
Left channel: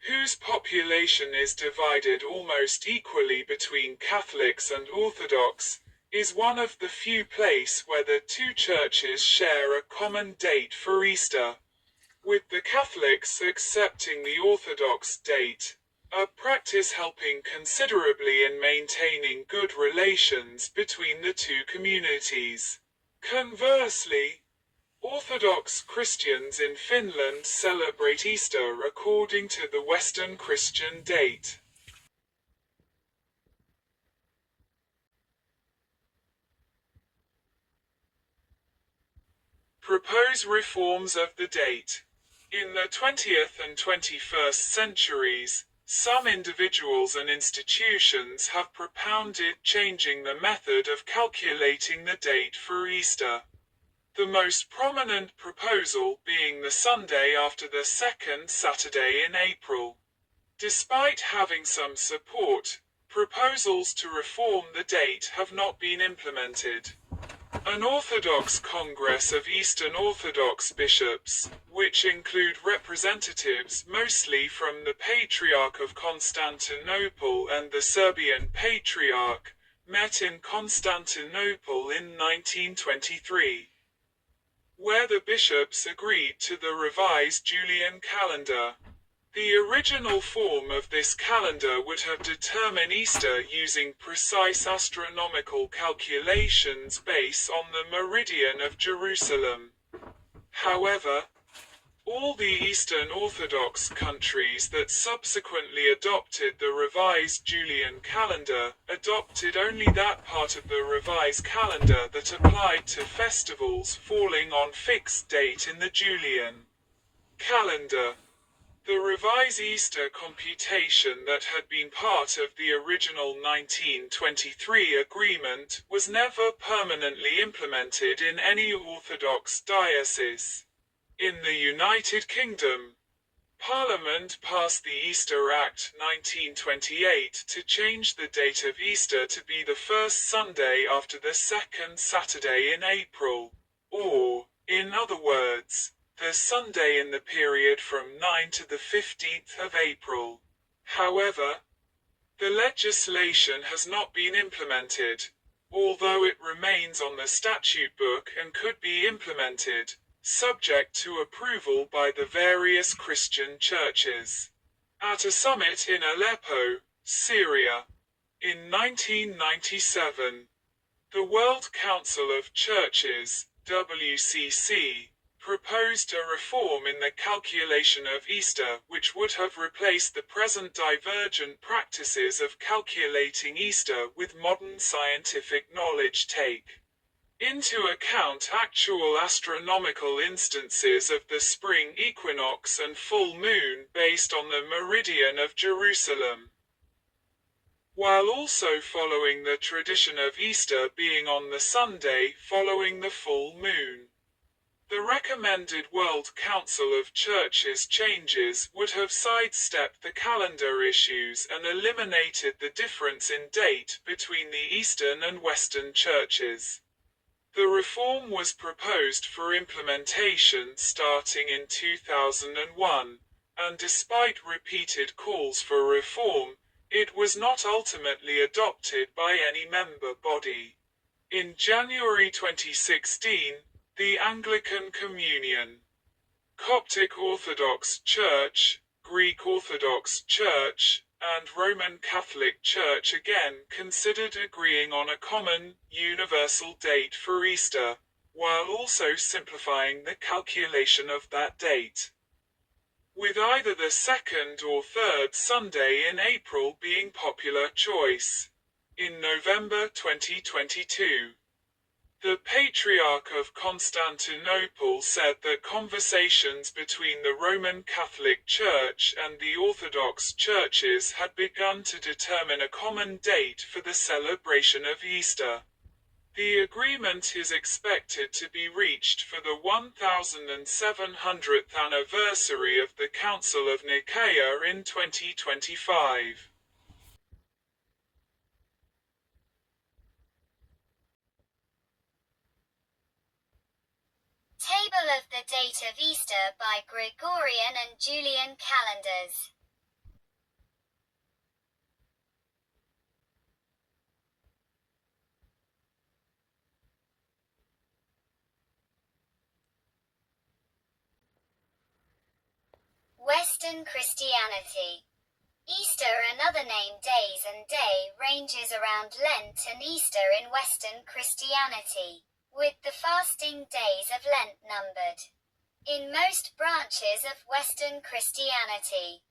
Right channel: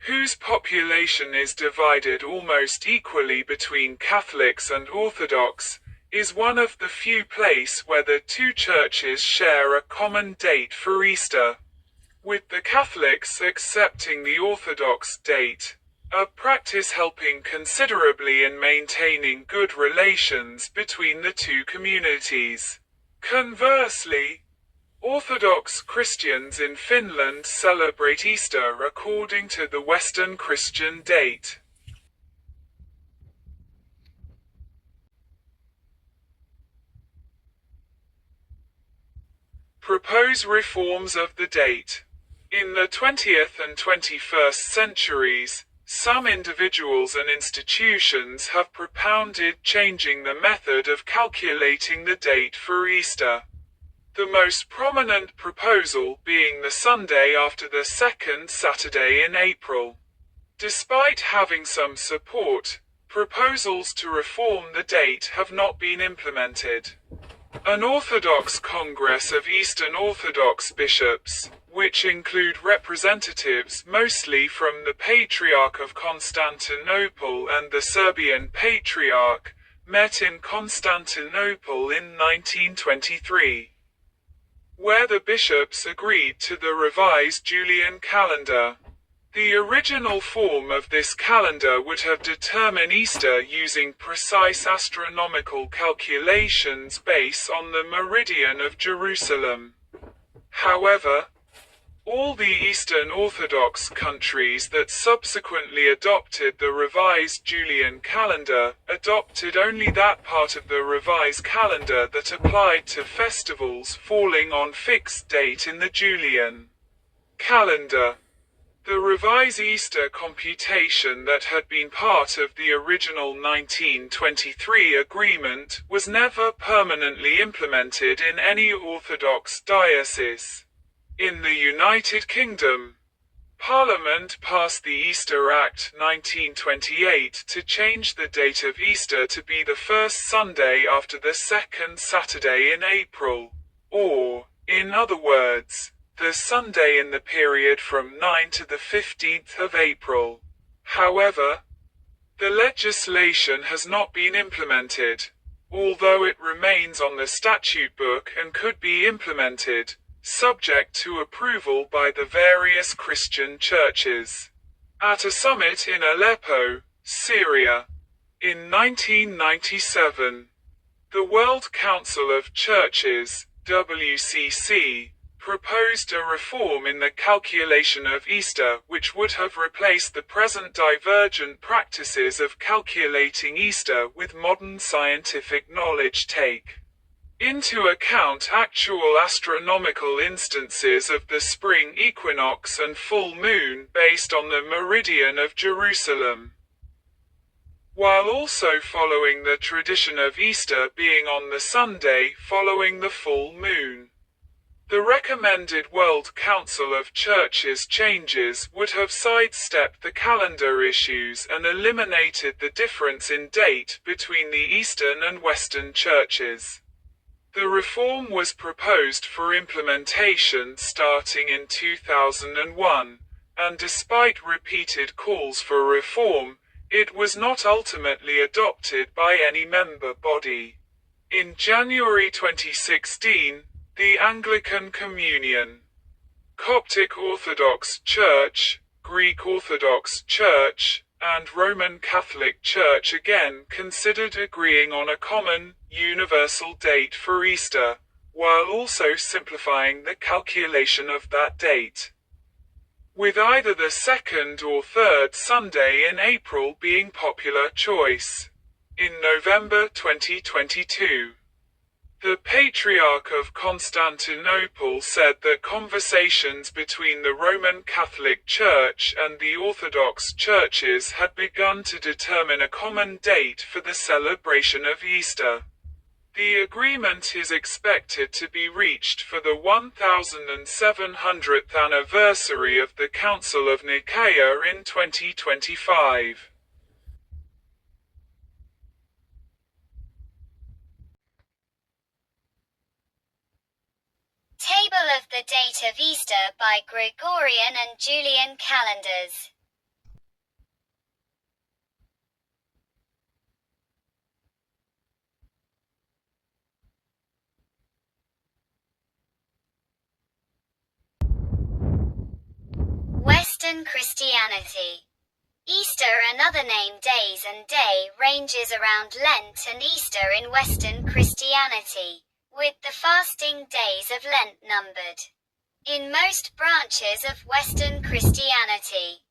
whose population is divided almost equally between Catholics and Orthodox, is one of the few places where the two churches share a common date for Easter, with the Catholics accepting the Orthodox date, a practice helping considerably in maintaining good relations between the two communities. Conversely, Orthodox Christians in Finland celebrate Easter according to the Western Christian date. propose reforms of the date. In the 20th and 21st centuries, some individuals and institutions have propounded changing the method of calculating the date for Easter. The most prominent proposal being the Sunday after the second Saturday in April. Despite having some support, proposals to reform the date have not been implemented. An Orthodox Congress of Eastern Orthodox bishops, which include representatives mostly from the Patriarch of Constantinople and the Serbian Patriarch, met in Constantinople in 1923, where the bishops agreed to the revised Julian calendar. The original form of this calendar would have determined Easter using precise astronomical calculations based on the meridian of Jerusalem. However, all the Eastern Orthodox countries that subsequently adopted the revised Julian calendar adopted only that part of the revised calendar that applied to festivals falling on fixed date in the Julian calendar. The revised Easter computation that had been part of the original 1923 agreement was never permanently implemented in any Orthodox diocese. In the United Kingdom, Parliament passed the Easter Act 1928 to change the date of Easter to be the first Sunday after the second Saturday in April, or, in other words, the Sunday in the period from 9 to the 15th of April. However, the legislation has not been implemented, although it remains on the statute book and could be implemented, subject to approval by the various Christian churches. At a summit in Aleppo, Syria, in 1997, the World Council of Churches, WCC, proposed a reform in the calculation of Easter which would have replaced the present divergent practices of calculating Easter with modern scientific knowledge take into account actual astronomical instances of the spring equinox and full moon based on the meridian of Jerusalem, while also following the tradition of Easter being on the Sunday following the full moon. The recommended World Council of Churches changes would have sidestepped the calendar issues and eliminated the difference in date between the Eastern and Western churches. The reform was proposed for implementation starting in 2001, and despite repeated calls for reform, it was not ultimately adopted by any member body. In January 2016, the Anglican Communion, Coptic Orthodox Church, Greek Orthodox Church, and Roman Catholic Church again considered agreeing on a common, universal date for Easter, while also simplifying the calculation of that date, with either the second or third Sunday in April being popular choice. In November 2022, the Patriarch of Constantinople said that conversations between the Roman Catholic Church and the Orthodox churches had begun to determine a common date for the celebration of Easter. The agreement is expected to be reached for the 1700th anniversary of the Council of Nicaea in 2025. Table of the date of Easter by Gregorian and Julian calendars. Western Christianity. Easter, another name days and day, ranges around Lent and Easter in Western Christianity, with the fasting days of Lent numbered. In most branches of Western Christianity,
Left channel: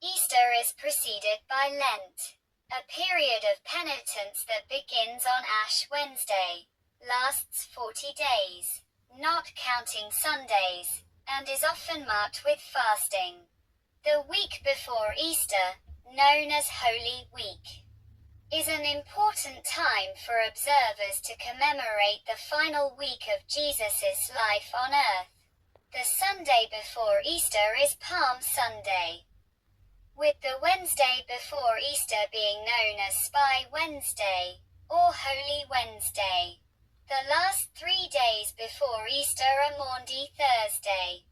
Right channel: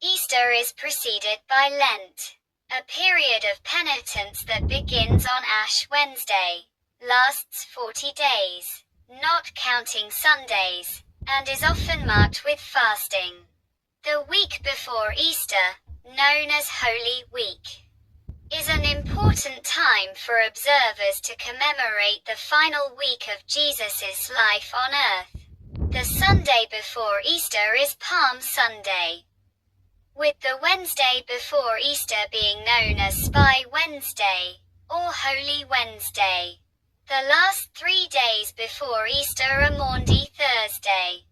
Easter is preceded by Lent, a period of penitence that begins on Ash Wednesday, lasts 40 days. not counting Sundays, and is often marked with fasting. The week before Easter, known as Holy Week, is an important time for observers to commemorate the final week of Jesus' life on earth. The Sunday before Easter is Palm Sunday, with the Wednesday before Easter being known as Spy Wednesday, or Holy Wednesday. The last 3 days before Easter are Maundy Thursday,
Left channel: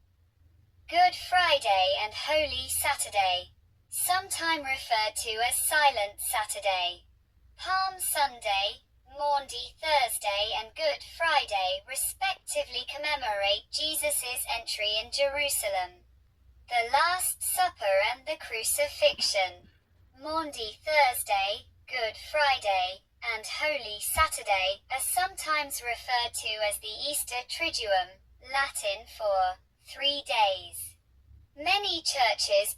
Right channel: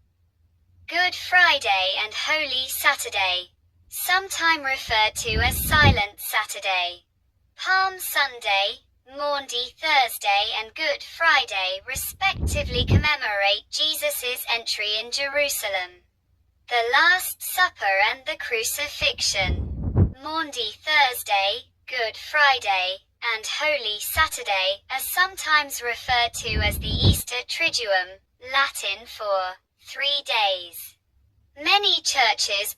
Good Friday and Holy Saturday, sometime referred to as Silent Saturday. Palm Sunday, Maundy Thursday and Good Friday respectively commemorate Jesus' entry in Jerusalem, the Last Supper and the Crucifixion. Maundy Thursday, Good Friday, and Holy Saturday are sometimes referred to as the Easter Triduum, Latin for 3 days. Many churches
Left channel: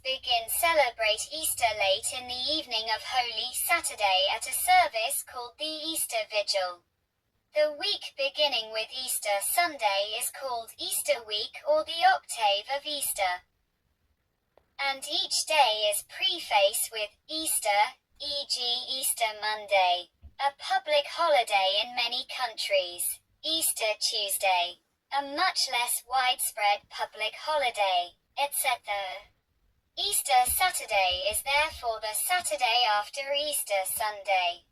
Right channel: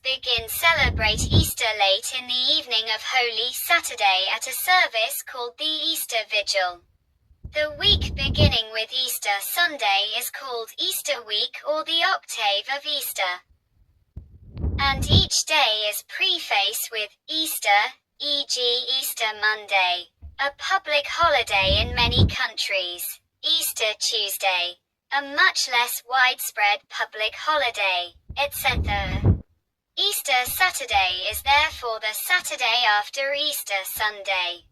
celebrate Easter late in the evening of Holy Saturday at a service called the Easter Vigil. The week beginning with Easter Sunday is called Easter Week or the Octave of Easter, and each day is prefaced with Easter, e.g. Easter Monday, a public holiday in many countries, Easter Tuesday, a much less widespread public holiday, etc. Easter Saturday is therefore the Saturday after Easter Sunday.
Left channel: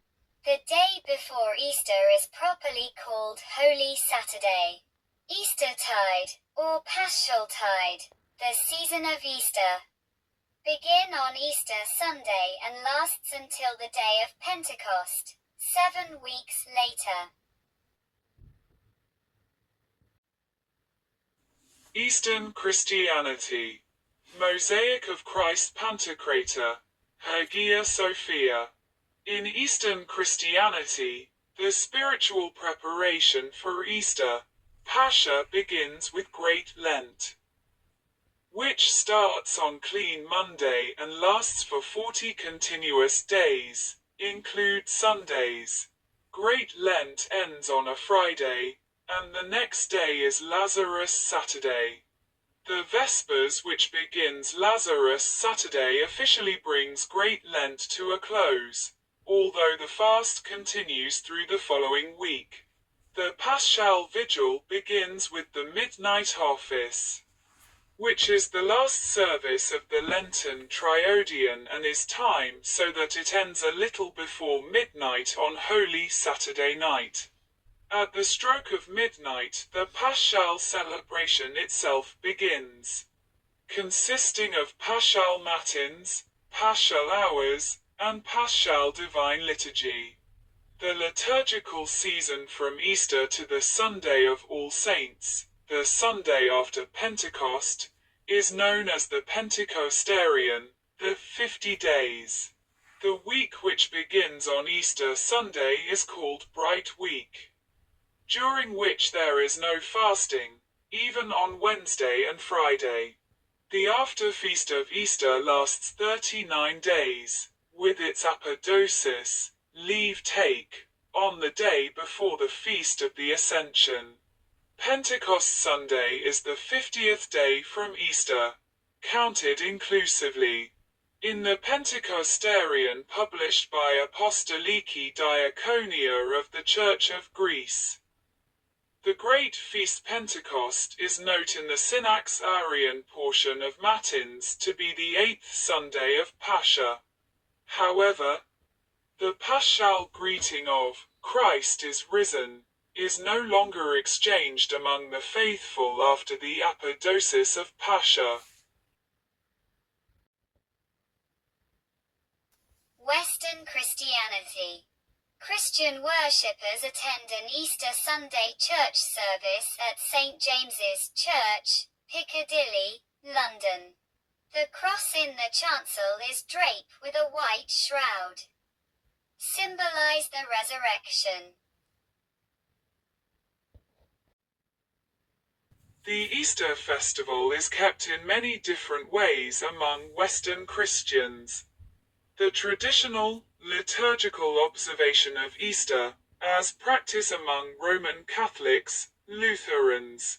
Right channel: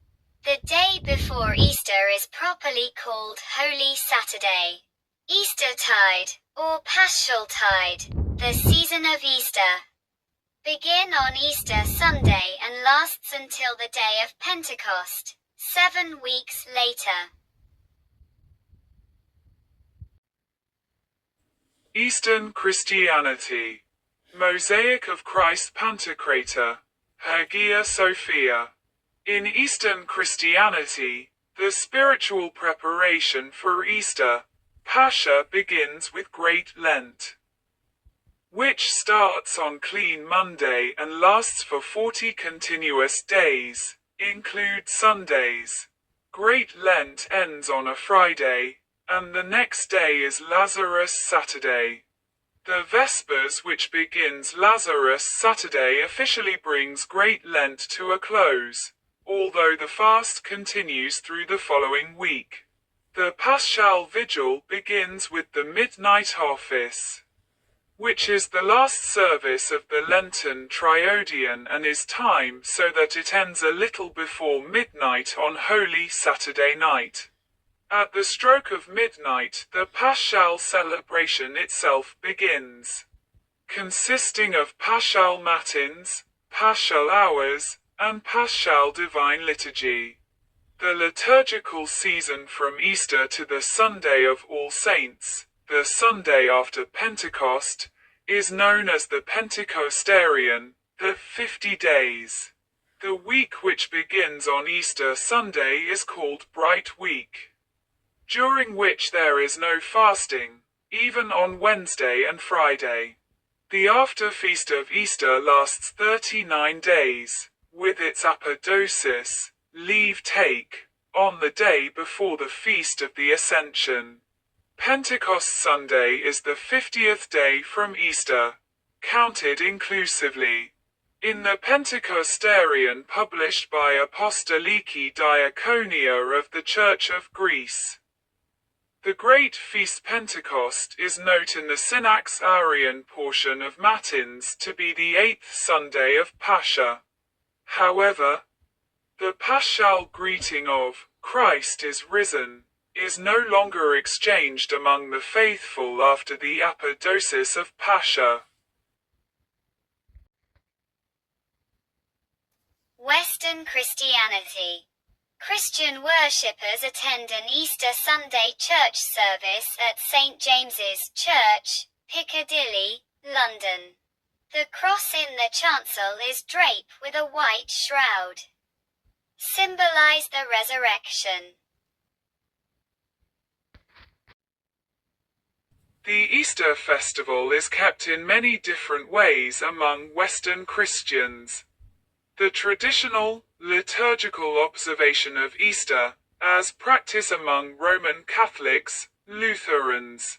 The day before Easter is properly called Holy Saturday. Eastertide, or Paschaltide, the season of Easter, begin on Easter Sunday and lasts until the day of Pentecost, 7 weeks later. Eastern Christianity. Mosaic of Christ Pantocrator. Hagia Sophia. In Eastern Christianity, the spiritual preparation for Easter, Pascha, begins with Great Lent, which starts on Clean Monday and lasts for 40 continuous days, include Sundays. Great Lent ends on a Friday, and the next day is Lazarus Saturday. The Vespers, which begins Lazarus Saturday, officially brings Great Lent to a close, although the fast continues through the following week. The Paschal Vigil begins with the Midnight Office, which is the last service of the Lenten Triodion and is timed so that it ends a little before midnight on Holy Saturday night. At the stroke of midnight, the Paschal celebration itself begins, consisting of Paschal Matins, Paschal Hours, and Paschal Divine Liturgy. The liturgical season from Easter to the Sunday of All Saints, the Sunday after Pentecost, is known as the Pentecostarian, the 50 days. The week which begins on Easter Sunday is called Bright Week, during which there is no fasting, even on Wednesday and Friday. The after-feast of Easter lasts 39 days, with its apodosis, leave-take, on the day before the Feast of the Ascension. Pentecost Sunday is the 50th day from Easter, counted inclusively. In the Pentecostarian published by Apostoliki Diaconia of the Church of Greece, the Great Feast Pentecost is noted in the Synax Arian portion of Matins to be the 8th Sunday of Pascha. However, the Paschal greeting of Christ is risen is no longer exchanged among the faithful after the apodosis of Pascha. Western Christianity. Christian worshippers attend an Easter Sunday church service at St. James's Church, Piccadilly, London. The cross in the chancel is draped with a white shroud, symbolize the resurrection. The Easter festival is kept in many different ways among Western Christians. The traditional, liturgical observation of Easter, as practiced among Roman Catholics, Lutherans,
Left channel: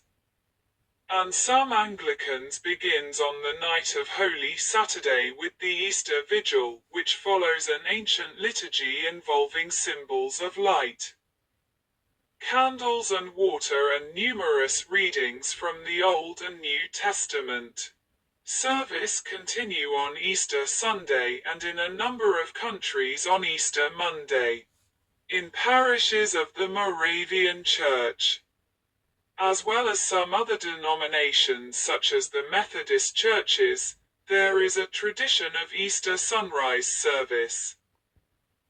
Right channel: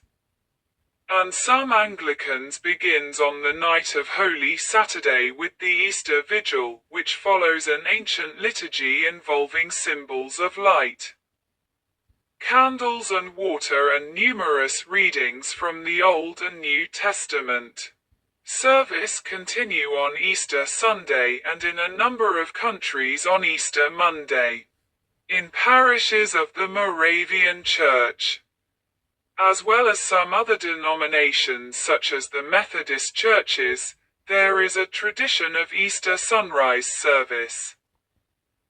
and some Anglicans begins on the night of Holy Saturday with the Easter Vigil, which follows an ancient liturgy involving symbols of light, candles and water and numerous readings from the Old and New Testament. Service continue on Easter Sunday and in a number of countries on Easter Monday, in parishes of the Moravian Church, as well as some other denominations such as the Methodist churches. There is a tradition of Easter sunrise service,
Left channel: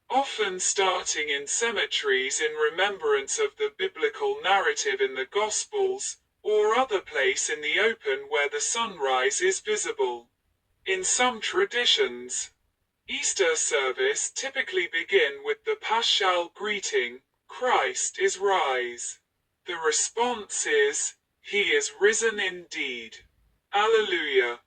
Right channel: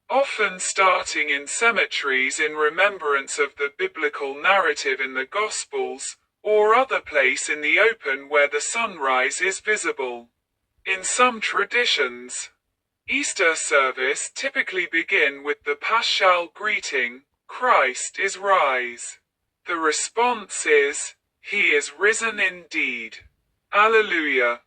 often starting in cemeteries in remembrance of the biblical narrative in the Gospels, or other place in the open where the sunrise is visible. In some traditions, Easter service typically begin with the paschal greeting, "Christ is rise." The response is, "He is risen indeed. Alleluia."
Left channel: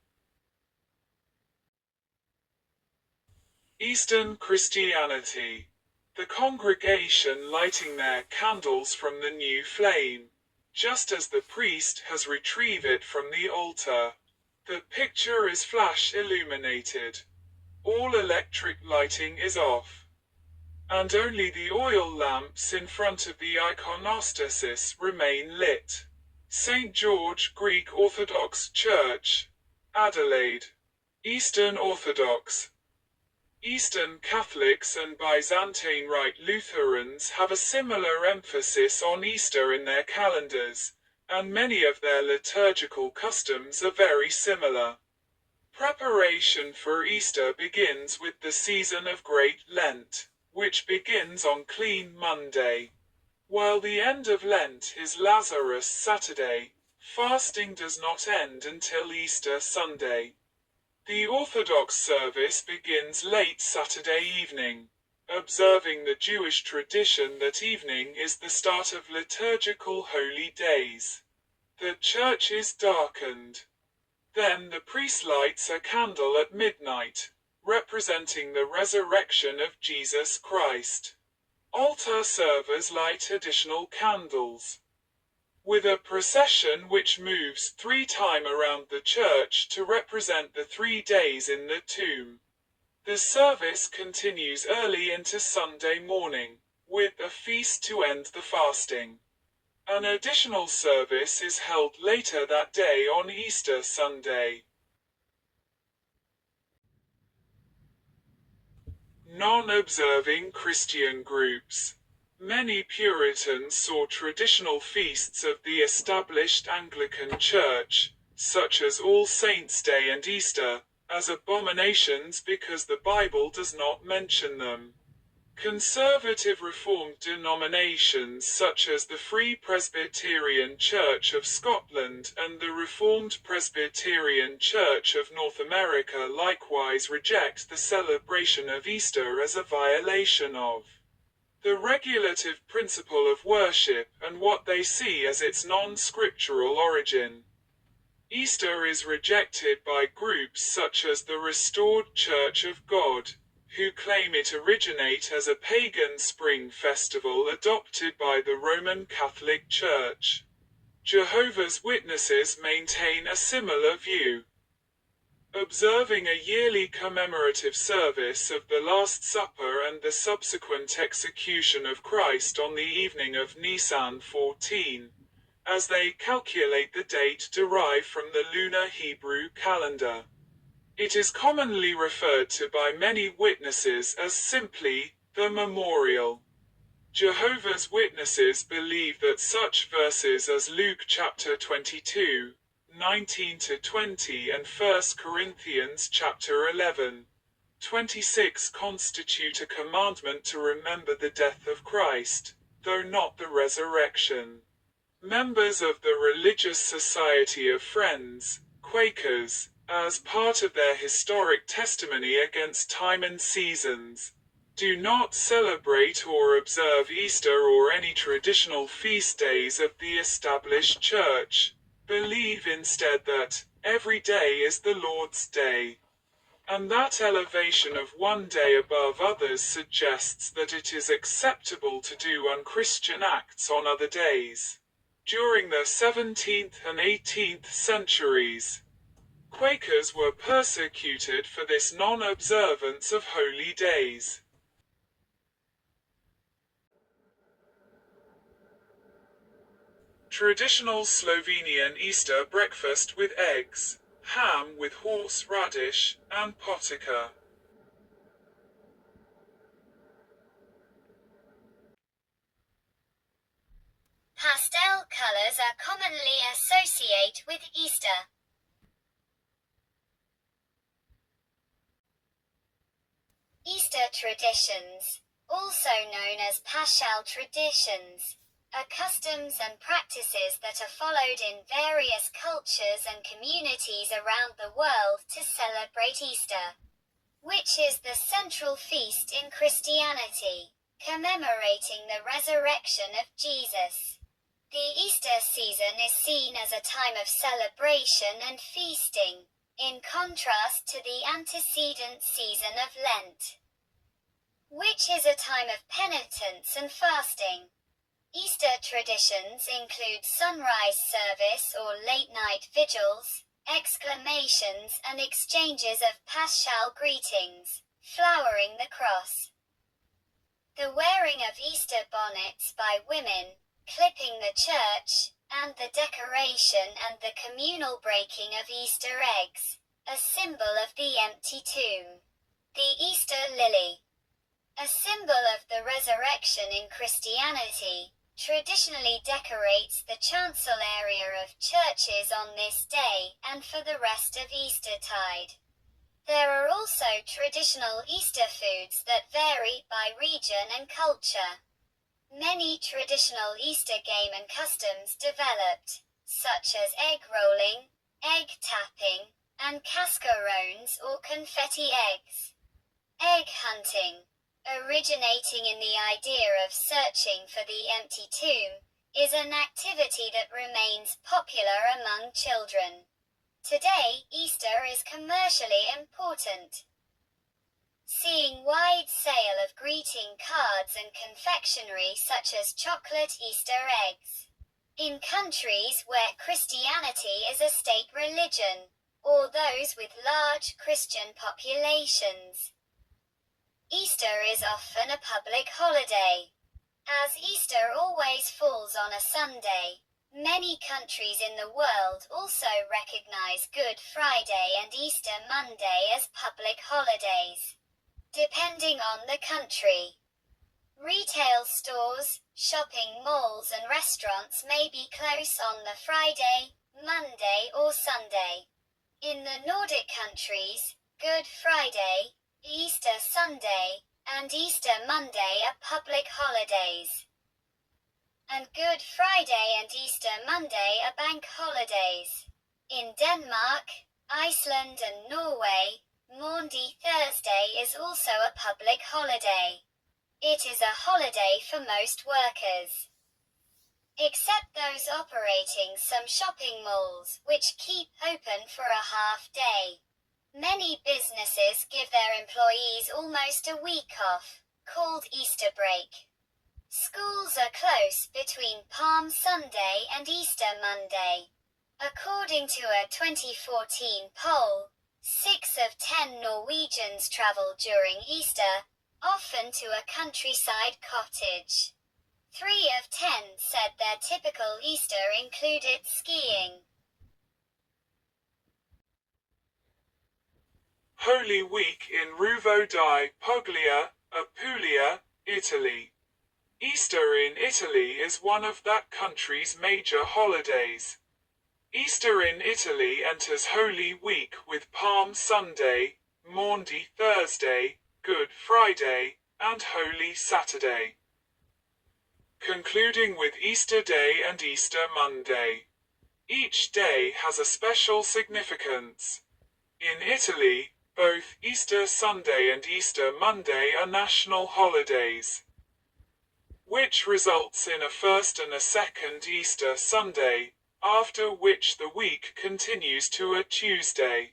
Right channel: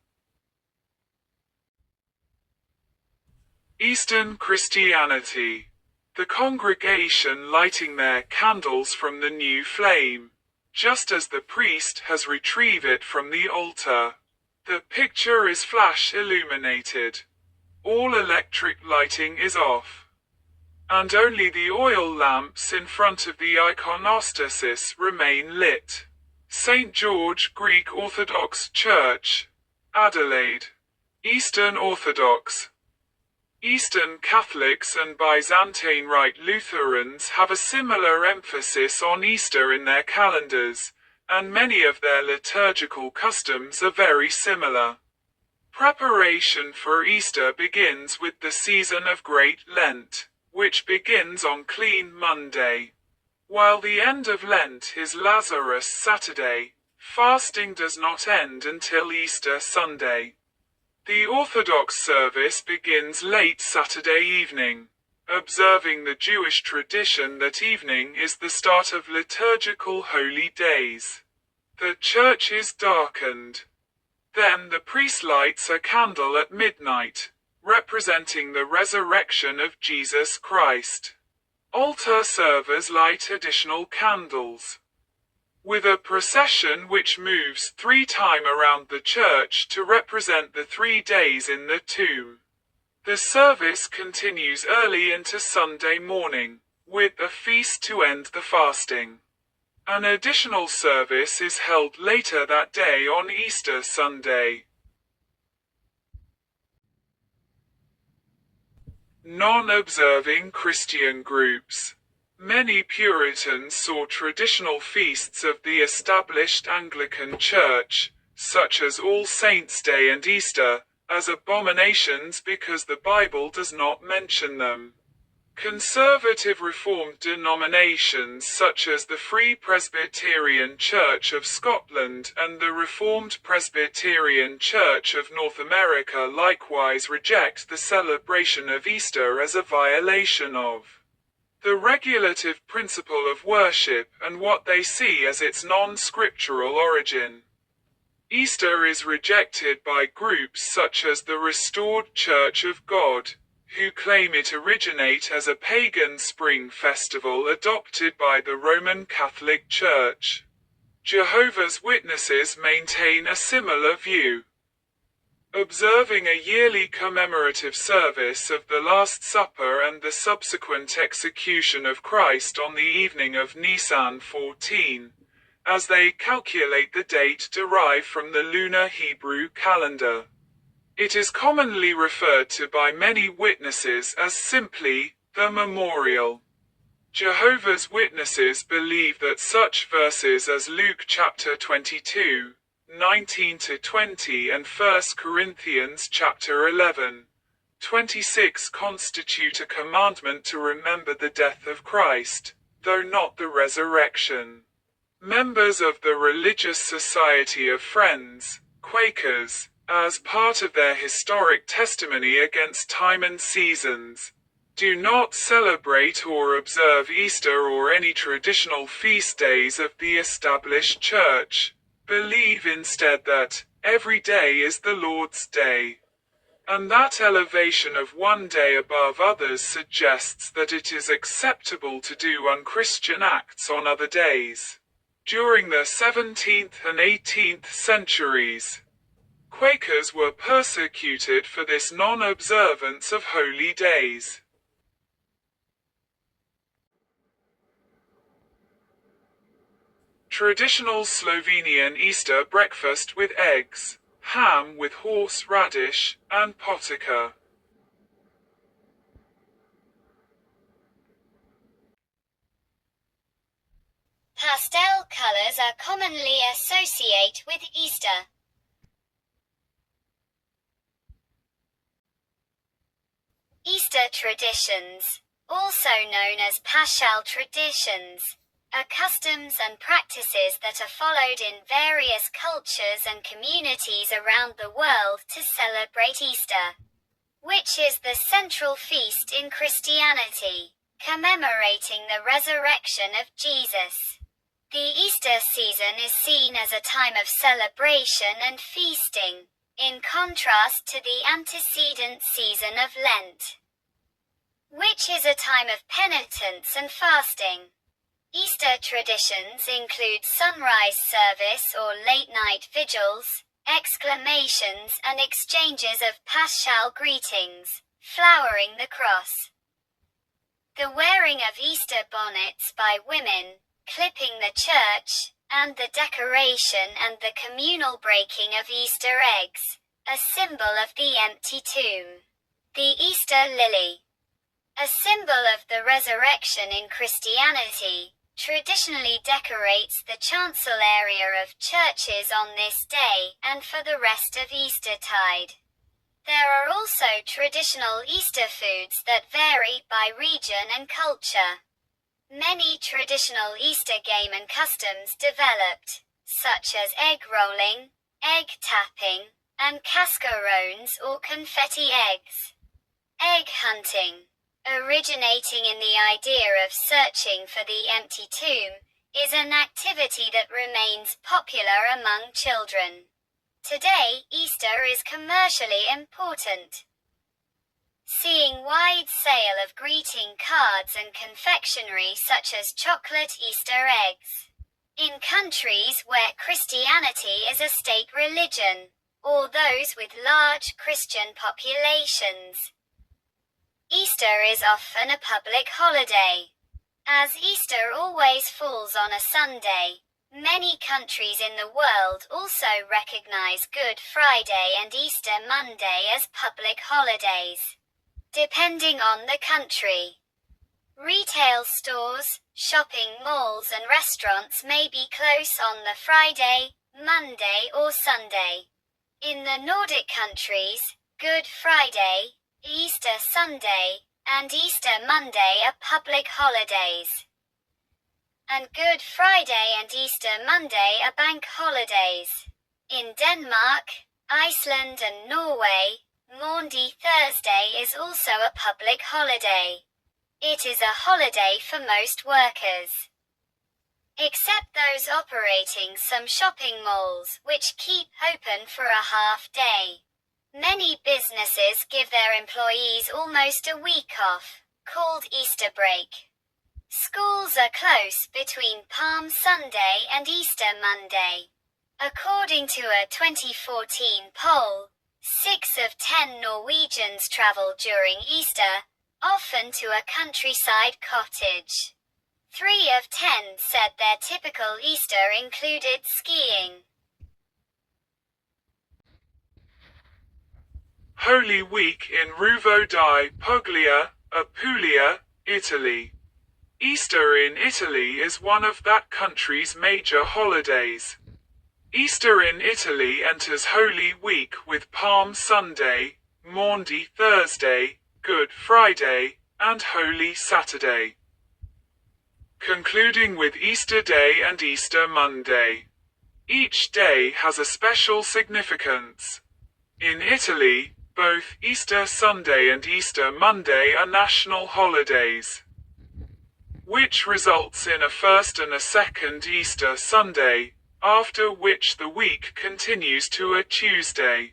Eastern Christianity. The congregation lighting their candles from the new flame, just as the priest has retrieved it from the altar. The picture is flash illuminated. All electric lighting is off, and only the oil lamps in front of the iconostasis remain lit. St. George Greek Orthodox Church, Adelaide. Eastern Orthodox. Eastern Catholics and Byzantine Rite Lutherans have a similar emphasis on Easter in their calendars, and many of their liturgical customs are very similar. Preparation for Easter begins with the season of Great Lent, which begins on Clean Monday, while the end of Lent is Lazarus Saturday. Fasting does not end until Easter Sunday. The Orthodox service begins late Saturday evening, observing the Jewish tradition that evening is the start of liturgical holy days. The church is darkened. Then the priest lights a candle at midnight, representing the resurrection of Jesus Christ. Altar servers light additional candles, with a procession which moves 3 times around the church to represent the 3 days in the tomb. The service continues early into Sunday morning, with a feast to end the fasting. An additional service is held later that day on Easter Sunday. Non-observing Christian groups. Many Puritans saw traditional feasts of the established Anglican Church, such as All Saints' Day and Easter, as abominations because the Bible does not mention them. Conservative Reformed denominations such as the Free Presbyterian Church of Scotland and the Reformed Presbyterian Church of North America likewise reject the celebration of Easter as a violation of the regulative principle of worship and what they see as its non-scriptural origin. Easter is rejected by groups such as the Restored Church of God, who claim it originate as a pagan spring festival adopted by the Roman Catholic Church. Jehovah's Witnesses maintain a similar view. Observing a yearly commemorative service of the Last Supper and the subsequent execution of Christ on the evening of Nisan 14, as they calculate the date derived from the lunar Hebrew calendar. It is commonly referred to by many witnesses as simply the memorial. Jehovah's Witnesses believe that such verses as Luke chapter 22, 19-20 and 1 Corinthians chapter 11, 26 constitute a commandment to remember the death of Christ, though not the resurrection. Members of the Religious Society of Friends, Quakers, as part of their historic testimony against time and seasons, do not celebrate or observe Easter or any traditional feast days of the established church, believe instead that every day is the Lord's day, and that elevation of one day above others suggests that it is acceptable to do unchristian acts on other days. During the 17th and 18th centuries, Quakers were persecuted for this non-observance of holy days. Traditional Slovenian Easter breakfast with eggs, ham with horseradish, and potica. Pastel colors are commonly associated with Easter. Easter traditions, also known as Paschal traditions, are customs and practices that are followed in various cultures and communities around the world to celebrate Easter, which is the central feast in Christianity, commemorating the resurrection of Jesus. The Easter season is seen as a time of celebration and feasting, in contrast to the antecedent season of Lent, which is a time of penitence and fasting. Easter traditions include sunrise service or late-night vigils, exclamations and exchanges of paschal greetings, flowering the cross. The wearing of Easter bonnets by women, clipping the church, and the decoration and the communal breaking of Easter eggs, a symbol of the empty tomb. The Easter lily, a symbol of the resurrection in Christianity, traditionally decorates the chancel area of churches on this day and for the rest of Eastertide. There are also traditional Easter foods that vary by region and culture. Many traditional Easter game and customs developed, such as egg rolling, egg tapping, and cascarones or confetti eggs. Egg hunting, originating in the idea of searching for the empty tomb, is an activity that remains popular among children. Today, Easter is commercially important, seeing wide sale of greeting cards and confectionery such as chocolate Easter eggs. In countries where Christianity is a state religion, or those with large Christian populations, Easter is often a public holiday. As Easter always falls on a Sunday, many countries in the world also recognize Good Friday and Easter Monday as public holidays, depending on the country. Retail stores, shopping malls and restaurants may be closed on the Friday, Monday or Sunday. In the Nordic countries, Good Friday, Easter Sunday, and Easter Monday are public holidays, and Good Friday and Easter Monday are bank holidays. In Denmark, Iceland and Norway, Maundy Thursday is also a public holiday. It is a holiday for most workers, except those operating some shopping malls, which keep open for a half day. Many businesses give their employees almost a week off, called Easter break. Schools are closed between Palm Sunday and Easter Monday. According to a 2014 poll, 6 of 10 Norwegians travel during Easter, often to a countryside cottage. 3 of 10 said their typical Easter included skiing. Holy Week in Ruvo di Puglia, Apulia, Italy. Easter in Italy is one of that country's major holidays. Easter in Italy enters Holy Week with Palm Sunday, Maundy Thursday, Good Friday, and Holy Saturday, concluding with Easter Day and Easter Monday. Each day has a special significance. In Italy, both Easter Sunday and Easter Monday are national holidays, which results in a first and a second Easter Sunday, after which the week continues to a Tuesday.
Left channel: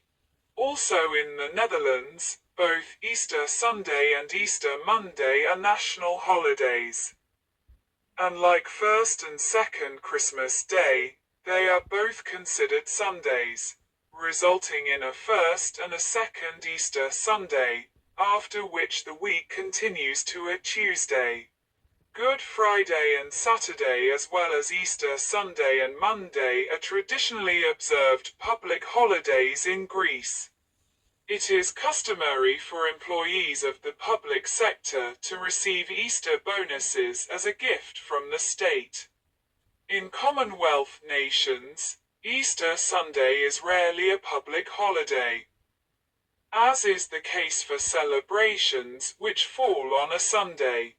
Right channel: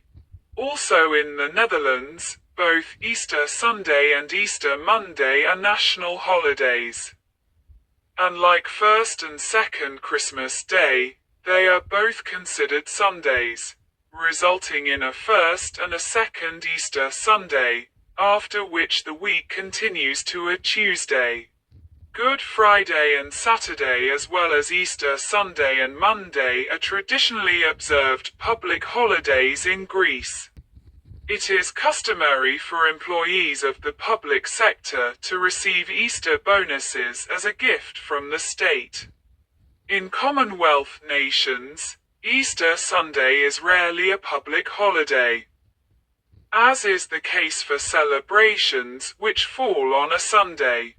Also in the Netherlands, both Easter Sunday and Easter Monday are national holidays. and like first and second Christmas Day, they are both considered Sundays, resulting in a first and a second Easter Sunday, after which the week continues to a Tuesday. Good Friday and Saturday as well as Easter Sunday and Monday are traditionally observed public holidays in Greece. It is customary for employees of the public sector to receive Easter bonuses as a gift from the state. In Commonwealth nations, Easter Sunday is rarely a public holiday, as is the case for celebrations which fall on a Sunday.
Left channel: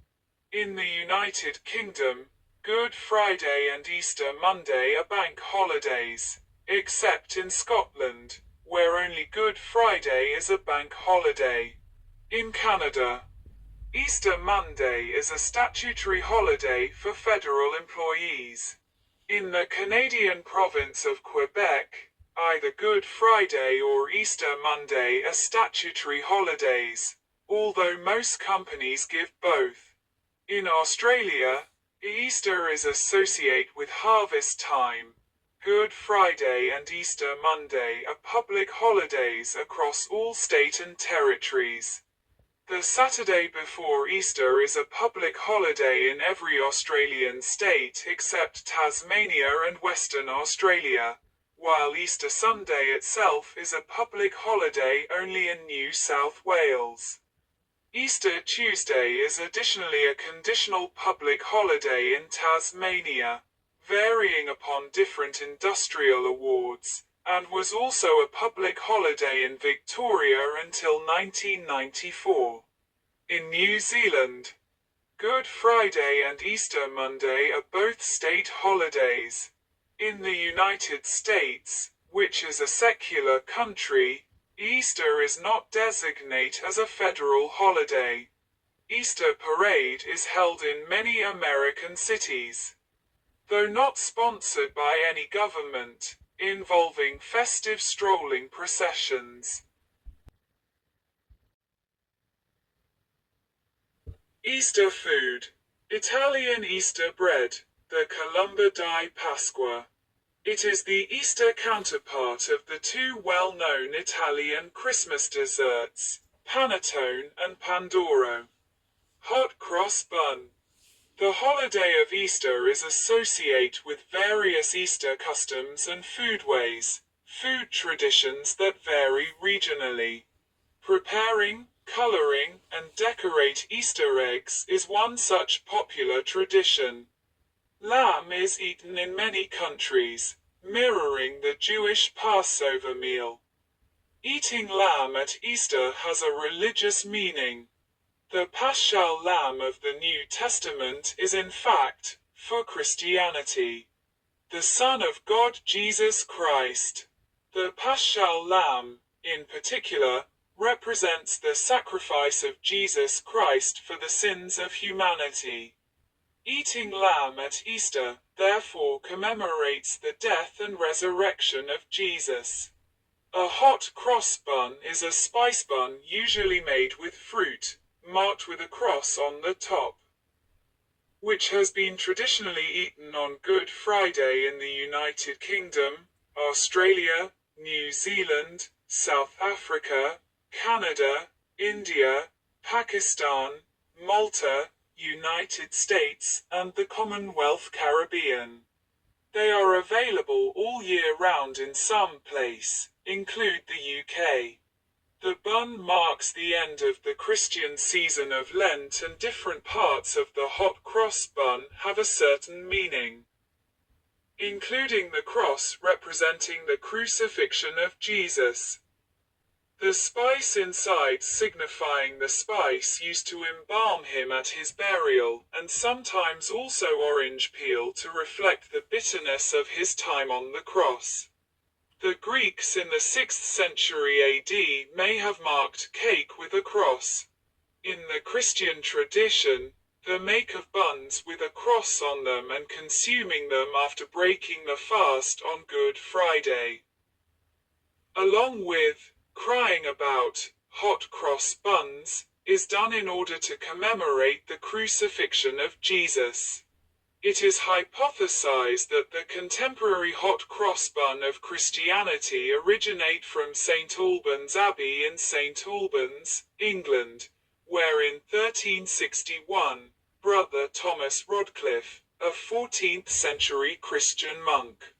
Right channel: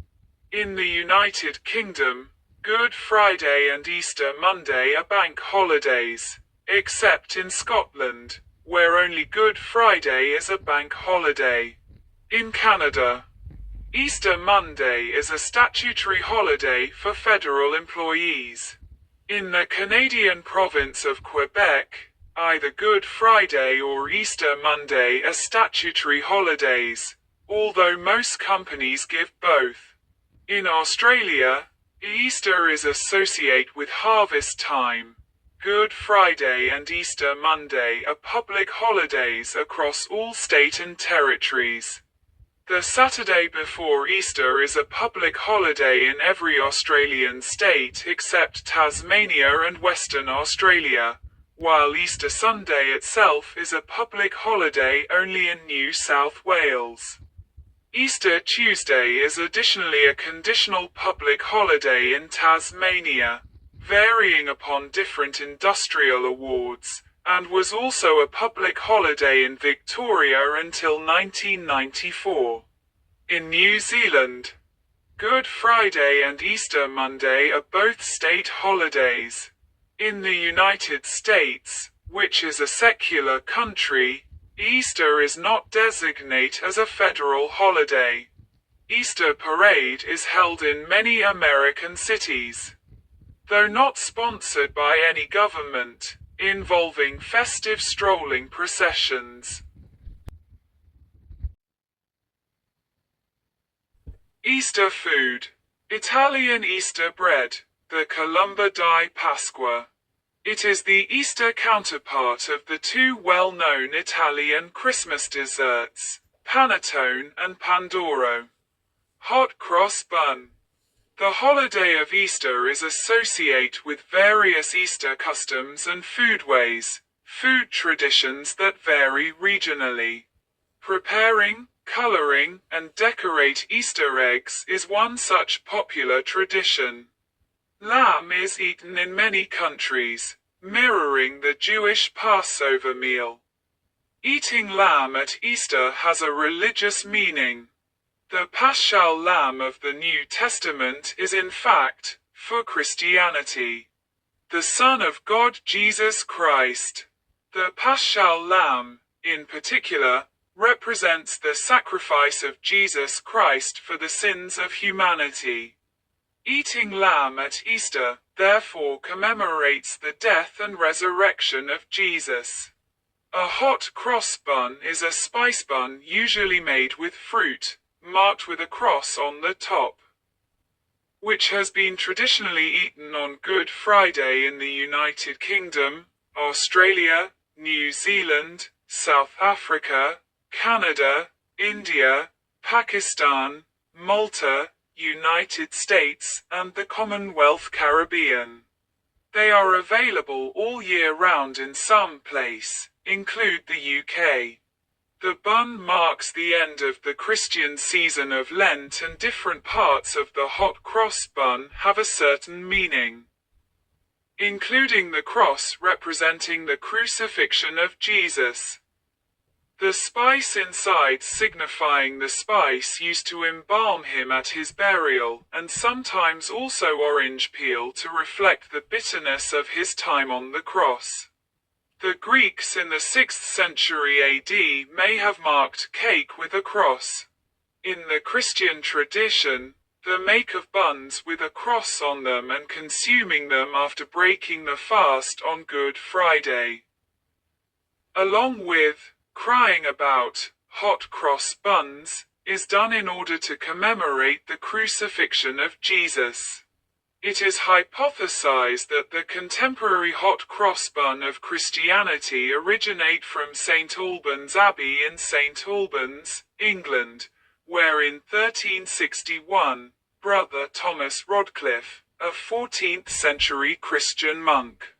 In the United Kingdom, Good Friday and Easter Monday are bank holidays, except in Scotland, where only Good Friday is a bank holiday. In Canada, Easter Monday is a statutory holiday for federal employees. In the Canadian province of Quebec, either Good Friday or Easter Monday are statutory holidays, although most companies give both. In Australia, Easter is associated with harvest time. Good Friday and Easter Monday are public holidays across all state and territories. The Saturday before Easter is a public holiday in every Australian state except Tasmania and Western Australia, while Easter Sunday itself is a public holiday only in New South Wales. Easter Tuesday is additionally a conditional public holiday in Tasmania, varying upon different industrial awards, and was also a public holiday in Victoria until 1994. In New Zealand, Good Friday and Easter Monday are both state holidays. In the United States, which is a secular country, Easter is not designated as a federal holiday. Easter Parade is held in many American cities, though not sponsored by any government, involving festive strolling processions. Easter food. Italian Easter bread, the Colomba di Pasqua. It is the Easter counterpart of the two well-known Italian Christmas desserts, panettone and pandoro. Hot cross bun. The holiday of Easter is associated with various Easter customs and foodways, food traditions that vary regionally. Preparing, coloring, and decorate Easter eggs is one such popular tradition. Lamb is eaten in many countries, mirroring the Jewish Passover meal. Eating lamb at Easter has a religious meaning. The Paschal Lamb of the New Testament is in fact, for Christianity, the Son of God Jesus Christ. The Paschal Lamb, in particular, represents the sacrifice of Jesus Christ for the sins of humanity. Eating lamb at Easter, therefore, commemorates the death and resurrection of Jesus. A hot cross bun is a spice bun usually made with fruit, marked with a cross on the top, which has been traditionally eaten on Good Friday in the United Kingdom, Australia, New Zealand, South Africa, Canada, India, Pakistan, Malta, United States, and the Commonwealth Caribbean. They are available all year round in some places, include the UK. The bun marks the end of the Christian season of Lent, and different parts of the hot cross bun have a certain meaning, including the cross representing the crucifixion of Jesus. The spice inside signifying the spice used to embalm him at his burial, and sometimes also orange peel to reflect the bitterness of his time on the cross. The Greeks in the 6th century AD may have marked cake with a cross. In the Christian tradition, the make of buns with a cross on them and consuming them after breaking the fast on Good Friday, along with crying about hot cross buns, is done in order to commemorate the crucifixion of Jesus. It is hypothesized that the contemporary hot cross bun of Christianity originate from St. Albans Abbey in St. Albans, England, where in 1361, Brother Thomas Rodcliffe, a 14th century Christian monk,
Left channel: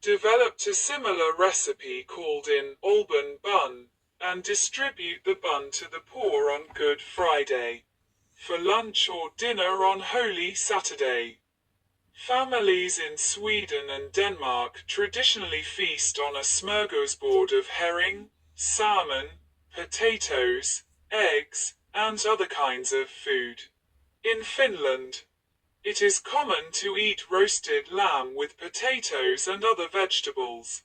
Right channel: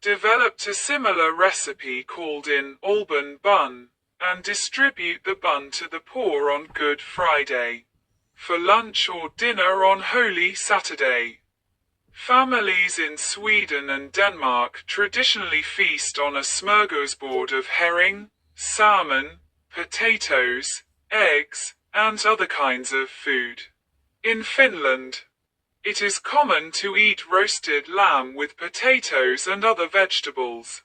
developed a similar recipe called an Alban bun, and distribute the bun to the poor on Good Friday, for lunch or dinner on Holy Saturday. Families in Sweden and Denmark traditionally feast on a smorgasbord of herring, salmon, potatoes, eggs, and other kinds of food. In Finland, it is common to eat roasted lamb with potatoes and other vegetables.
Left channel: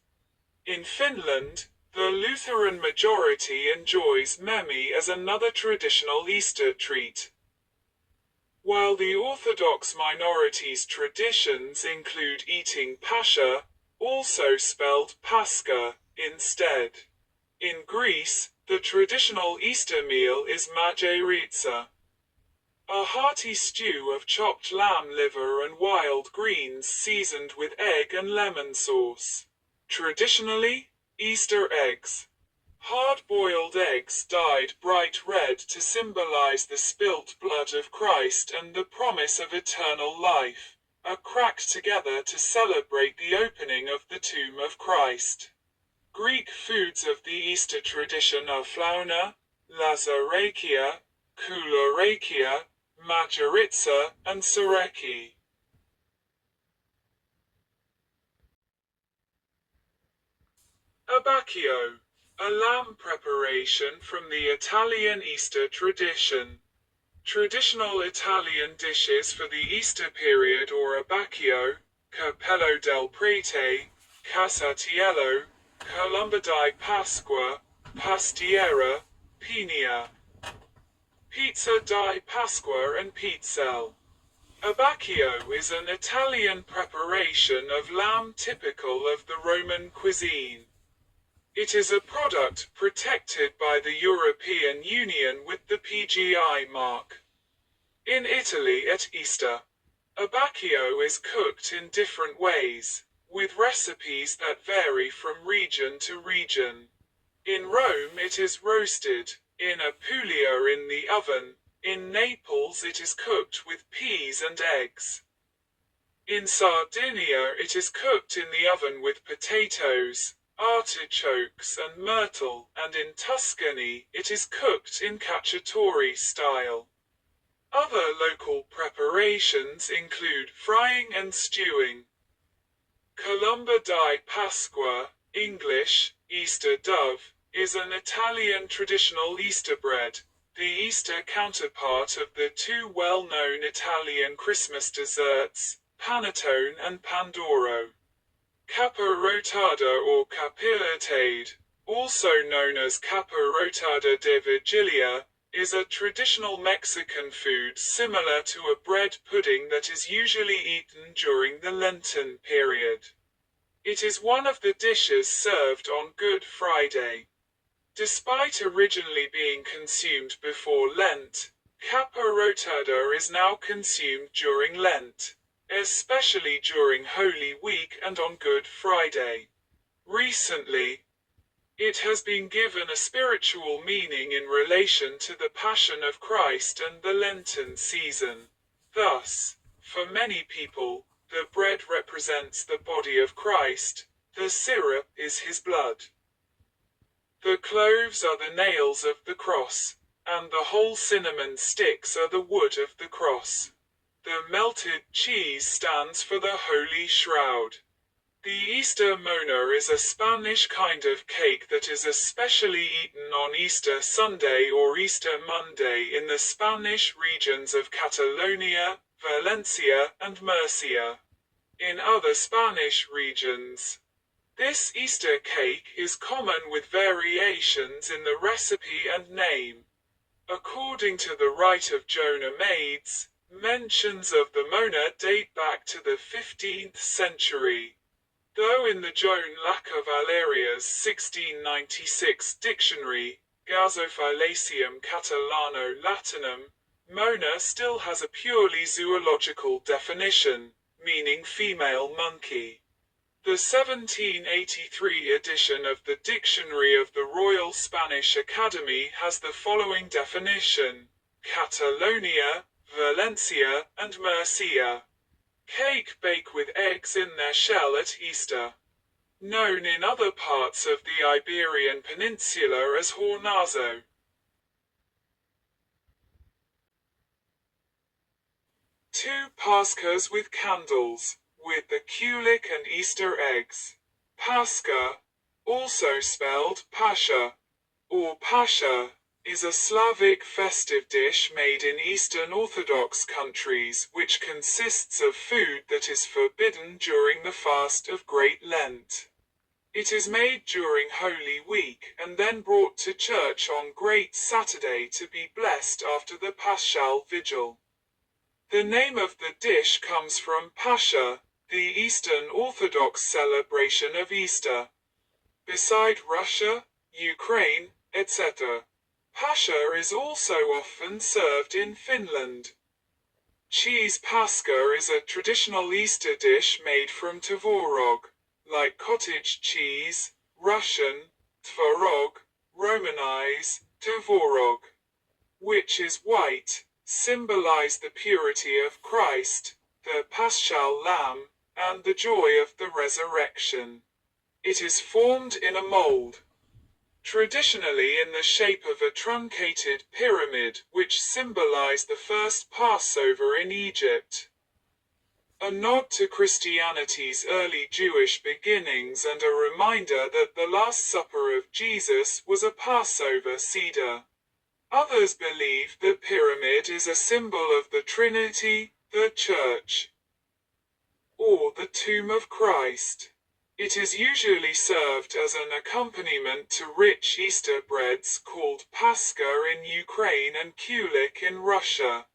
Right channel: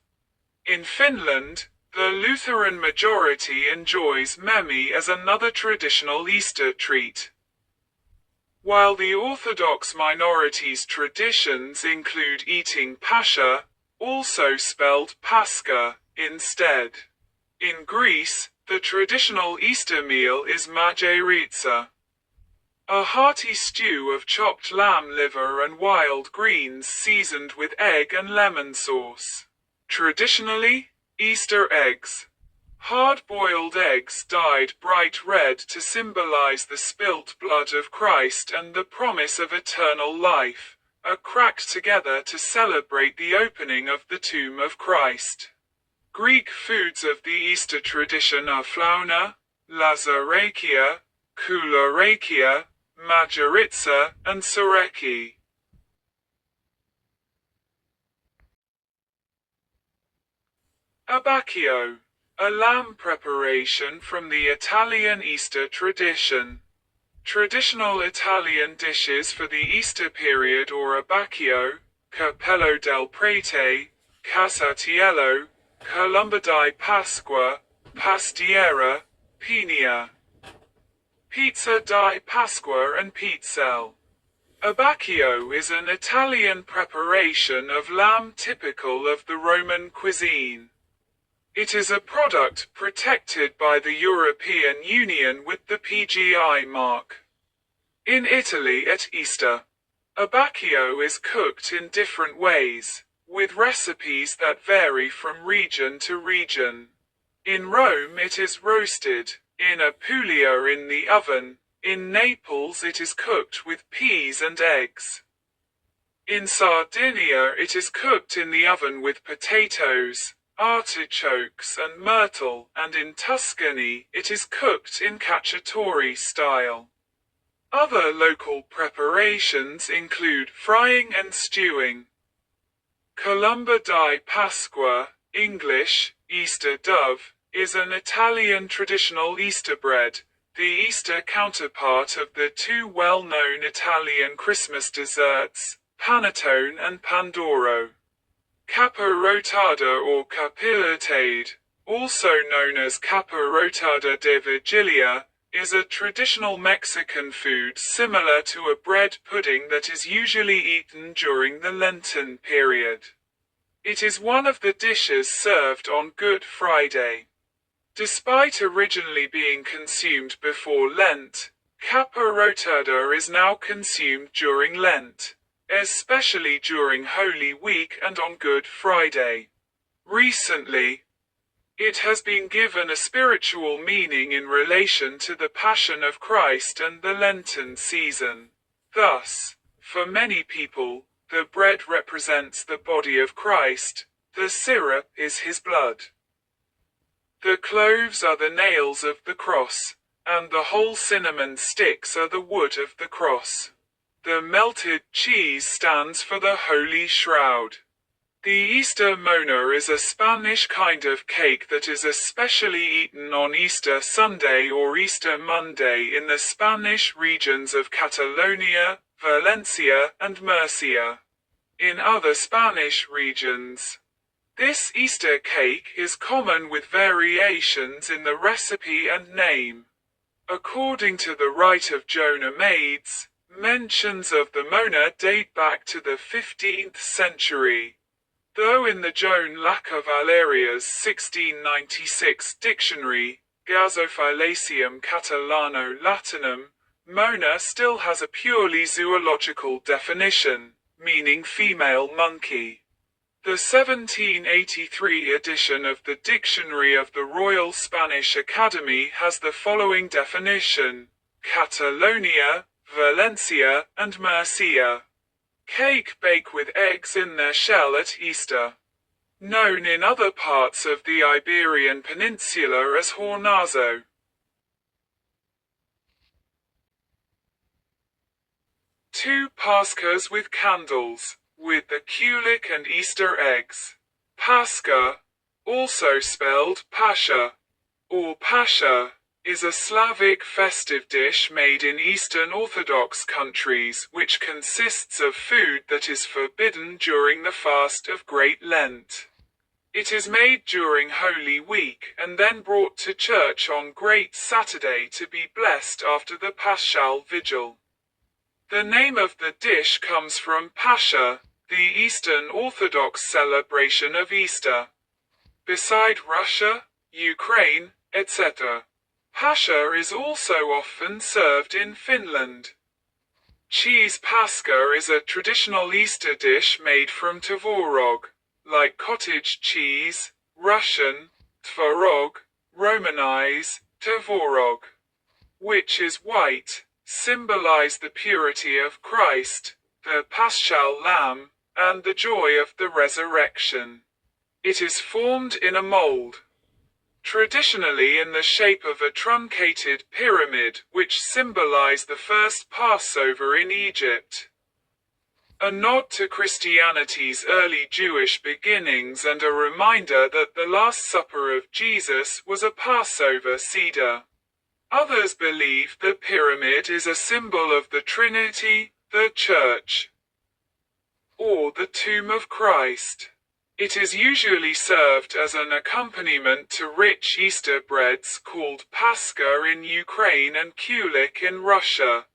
In Finland, the Lutheran majority enjoys memi as another traditional Easter treat, while the Orthodox minority's traditions include eating pascha, also spelled Pascha, instead. In Greece, the traditional Easter meal is mageritsa, a hearty stew of chopped lamb liver and wild greens seasoned with egg and lemon sauce. Traditionally, Easter eggs. Hard-boiled eggs dyed bright red to symbolize the spilt blood of Christ and the promise of eternal life, are cracked together to celebrate the opening of the tomb of Christ. Greek foods of the Easter tradition are flauna, lazarakia, koularakia, mageritsa, and sareki. Abbacchio, a lamb preparation from the Italian Easter tradition. Traditional Italian dishes for the Easter period or abbacchio, capello del prete, casatiello, colomba di Pasqua, pastiera, pinia, pizza di Pasqua and pizzelle. Abbacchio is an Italian preparation of lamb typical of the Roman cuisine. It is a product protected by the European Union with the PGI mark. In Italy at Easter, abbacchio is cooked in different ways, with recipes that vary from region to region. In Rome it is roasted, in Apulia in the oven, in Naples it is cooked with peas and eggs. In Sardinia it is cooked in the oven with potatoes, artichokes and myrtle, and in Tuscany it is cooked in cacciatore style. Other local preparations include frying and stewing. Colomba di Pasqua, English, Easter dove, is an Italian traditional Easter bread, the Easter counterpart of the two well-known Italian Christmas desserts, panettone and pandoro. Capa rotada or capillatade, also known as capa rotada de Vigilia, is a traditional Mexican food similar to a bread pudding that is usually eaten during the Lenten period. It is one of the dishes served on Good Friday. Despite originally being consumed before Lent, capa rotada is now consumed during Lent, especially during Holy Week and on Good Friday. Recently, it has been given a spiritual meaning in relation to the Passion of Christ and the Lenten season. Thus, for many people, the bread represents the body of Christ, the syrup is his blood. The cloves are the nails of the cross, and the whole cinnamon sticks are the wood of the cross. The melted cheese stands for the Holy Shroud. The Easter mona is a Spanish kind of cake that is especially eaten on Easter Sunday or Easter Monday in the Spanish regions of Catalonia, Valencia, and Murcia. In other Spanish regions, this Easter cake is common with variations in the recipe and name. According to the Rite of Jonah Maids, mentions of the mona date back to the 15th century. Though in the Joan Laca Valeria's 1696 dictionary, Gasophylaceum Catalano Latinum, Mona still has a purely zoological definition, meaning female monkey. The 1783 edition of the Dictionary of the Royal Spanish Academy has the following definition: Catalonia, Valencia, and Murcia. Cake baked with eggs in their shell at Easter. Known in other parts of the Iberian Peninsula as hornazo. Two Pascas with candles, with the Kulik and Easter eggs. Pascha, also spelled Pascha, or Pascha, is a Slavic festive dish made in Eastern Orthodox countries which consists of food that is forbidden during the fast of Great Lent. It is made during Holy Week and then brought to church on Great Saturday to be blessed after the Paschal Vigil. The name of the dish comes from Pascha, the Eastern Orthodox celebration of Easter. Beside Russia, Ukraine, etc., Pascha is also often served in Finland. Cheese Pascha is a traditional Easter dish made from tvorog, like cottage cheese, Russian, tvorog, Romanize, tvorog, which is white, symbolize the purity of Christ, the Paschal Lamb, and the joy of the resurrection. It is formed in a mold, traditionally in the shape of a truncated pyramid, which symbolized the first Passover in Egypt. A nod to Christianity's early Jewish beginnings and a reminder that the Last Supper of Jesus was a Passover Seder. Others believe the pyramid is a symbol of the Trinity, the Church, or the tomb of Christ. It is usually served as an accompaniment to rich Easter breads called Pascha in Ukraine and Kulik in Russia,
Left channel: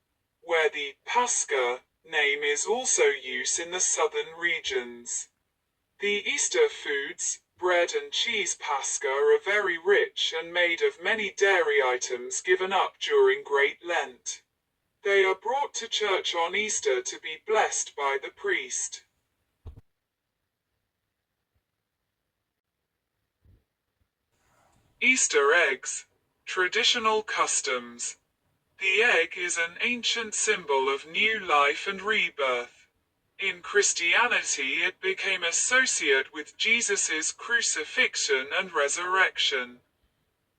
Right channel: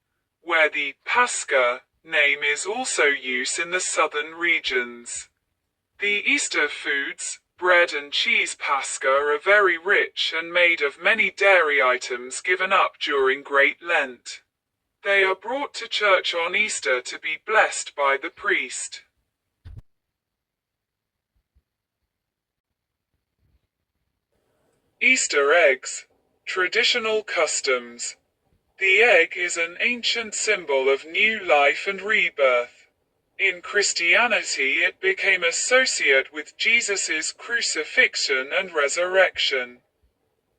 where the Pascha name is also used in the southern regions. The Easter foods, bread and cheese Pascha, are very rich and made of many dairy items given up during Great Lent. They are brought to church on Easter to be blessed by the priest. Easter eggs. Traditional customs. The egg is an ancient symbol of new life and rebirth. In Christianity, it became associated with Jesus' crucifixion and resurrection.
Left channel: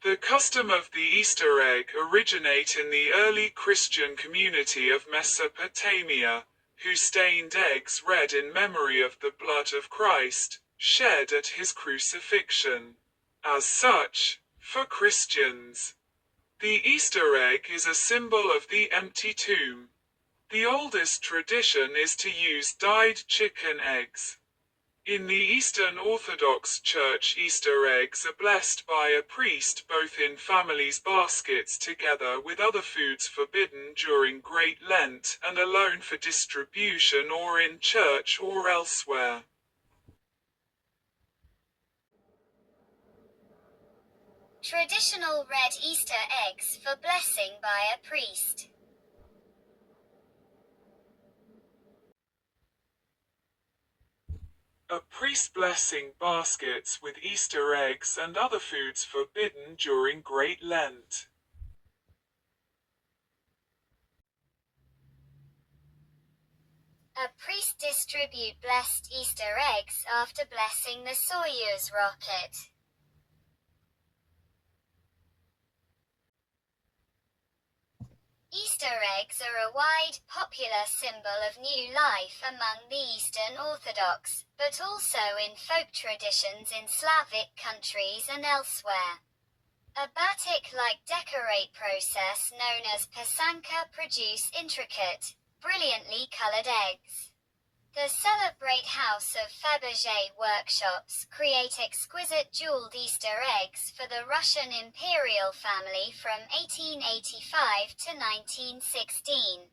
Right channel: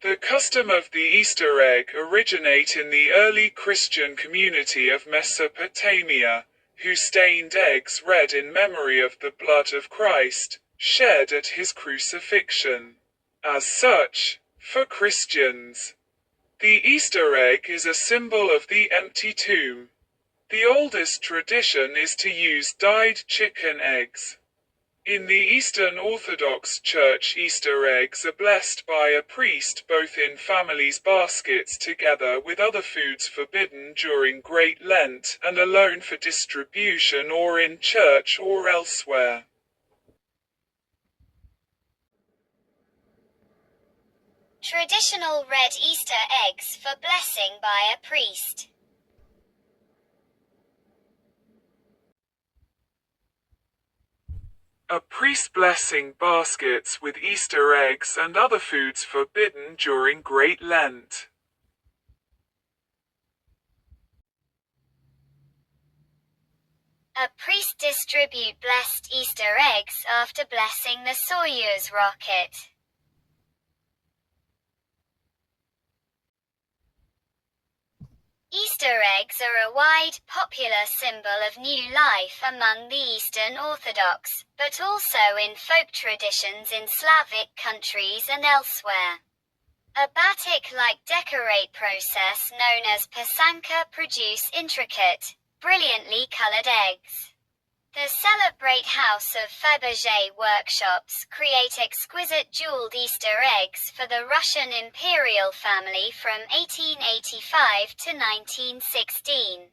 The custom of the Easter egg originated in the early Christian community of Mesopotamia, who stained eggs red in memory of the blood of Christ, shed at his crucifixion. As such, for Christians, the Easter egg is a symbol of the empty tomb. The oldest tradition is to use dyed chicken eggs. In the Eastern Orthodox Church, Easter eggs are blessed by a priest both in families' baskets together with other foods forbidden during Great Lent and alone for distribution or in church or elsewhere. Traditional red Easter eggs for blessing by a priest. A priest blessing baskets with Easter eggs and other foods forbidden during Great Lent. A priest distribute blessed Easter eggs after blessing the Soyuz rocket. Easter eggs are a wide, popular symbol of new life among the Eastern Orthodox, but also in folk traditions in Slavic countries and elsewhere. A batik-like decorate process known as pisanka produce intricate, brilliantly colored eggs. The Celebrate House of Fabergé workshops create exquisite jeweled Easter eggs for the Russian imperial family from 1885 to 1916.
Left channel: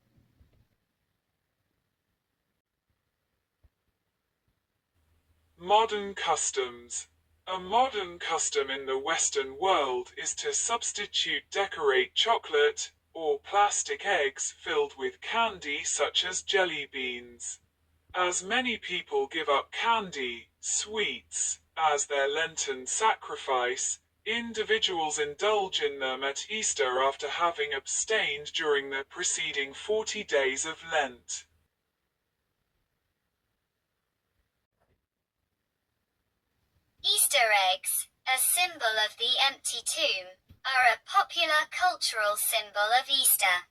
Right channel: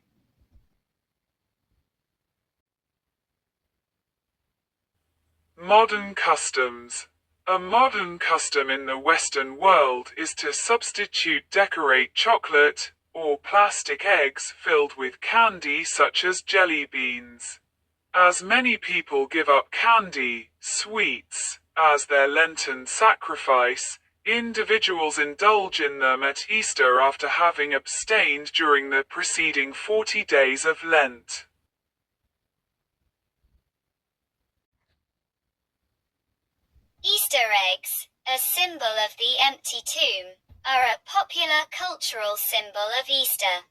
Modern customs. A modern custom in the Western world is to substitute decorate chocolate, or plastic eggs filled with candy such as jelly beans. As many people give up candy, sweets, as their Lenten sacrifice, individuals indulge in them at Easter after having abstained during the preceding 40 days of Lent. Easter eggs, a symbol of the empty tomb, are a popular cultural symbol of Easter.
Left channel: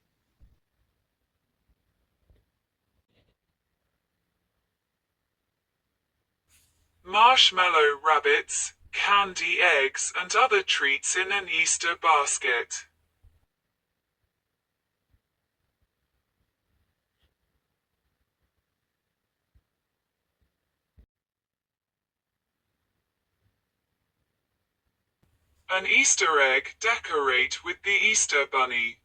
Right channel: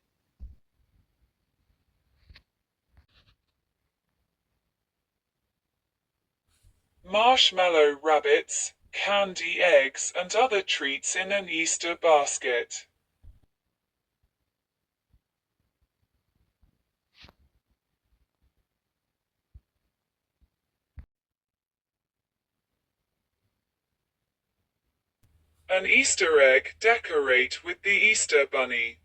Marshmallow rabbits, candy eggs and other treats in an Easter basket. An Easter egg decorate with the Easter bunny.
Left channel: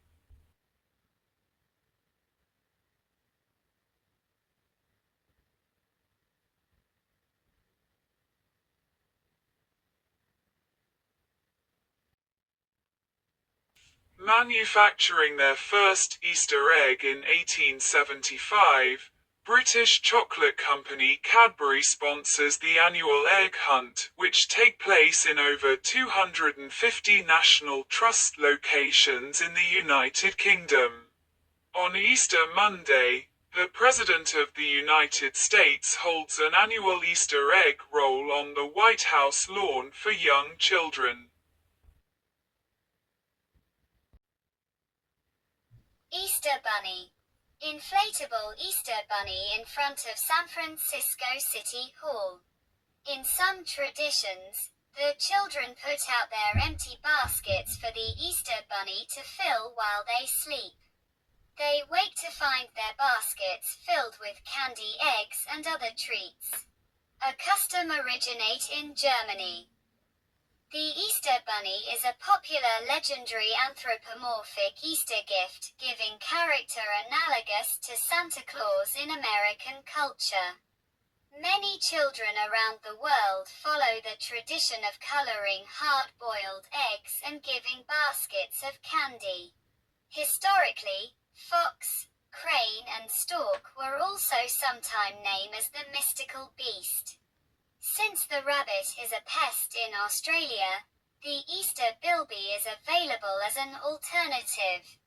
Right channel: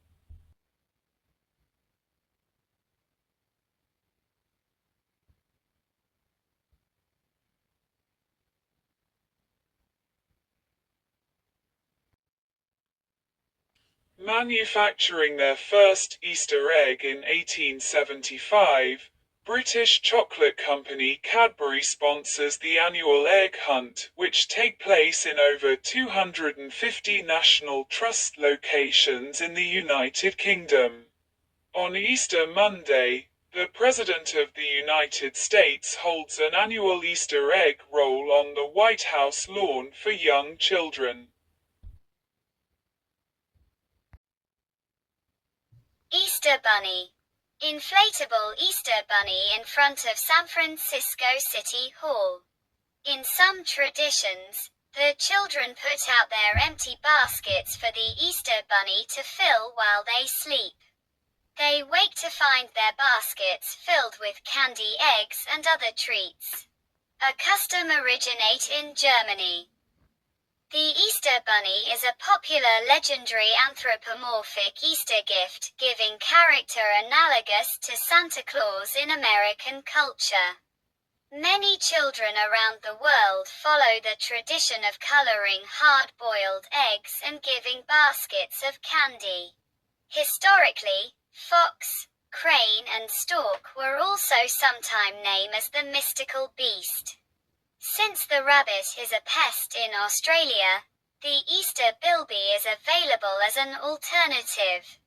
Manufacturing their first Easter egg in 1875, British chocolate company Cadbury sponsors the annual egg hunt, which take place in over 250 National Trust locations in the United Kingdom. On Easter Monday, the President of the United States holds an annual Easter egg roll on the White House lawn for young children. Easter Bunny. Inflatable Easter Bunny in front of San Francisco City Hall. In some traditions, the children put out their empty baskets for the Easter Bunny to fill while they sleep. They wake to find their baskets filled with candy, eggs, and other treats. A custom originates in Germany. The Easter Bunny is a popular legendary anthropomorphic Easter gift-giving character analogous to Santa Claus in American culture. Many children around the world follow the tradition of coloring hard-boiled eggs and giving baskets of candy. Historically, fox, crane and stork were also sometimes named as the mystical beast. Since the rabbit is a pest in Australia, the Easter bilby is available as an alternative.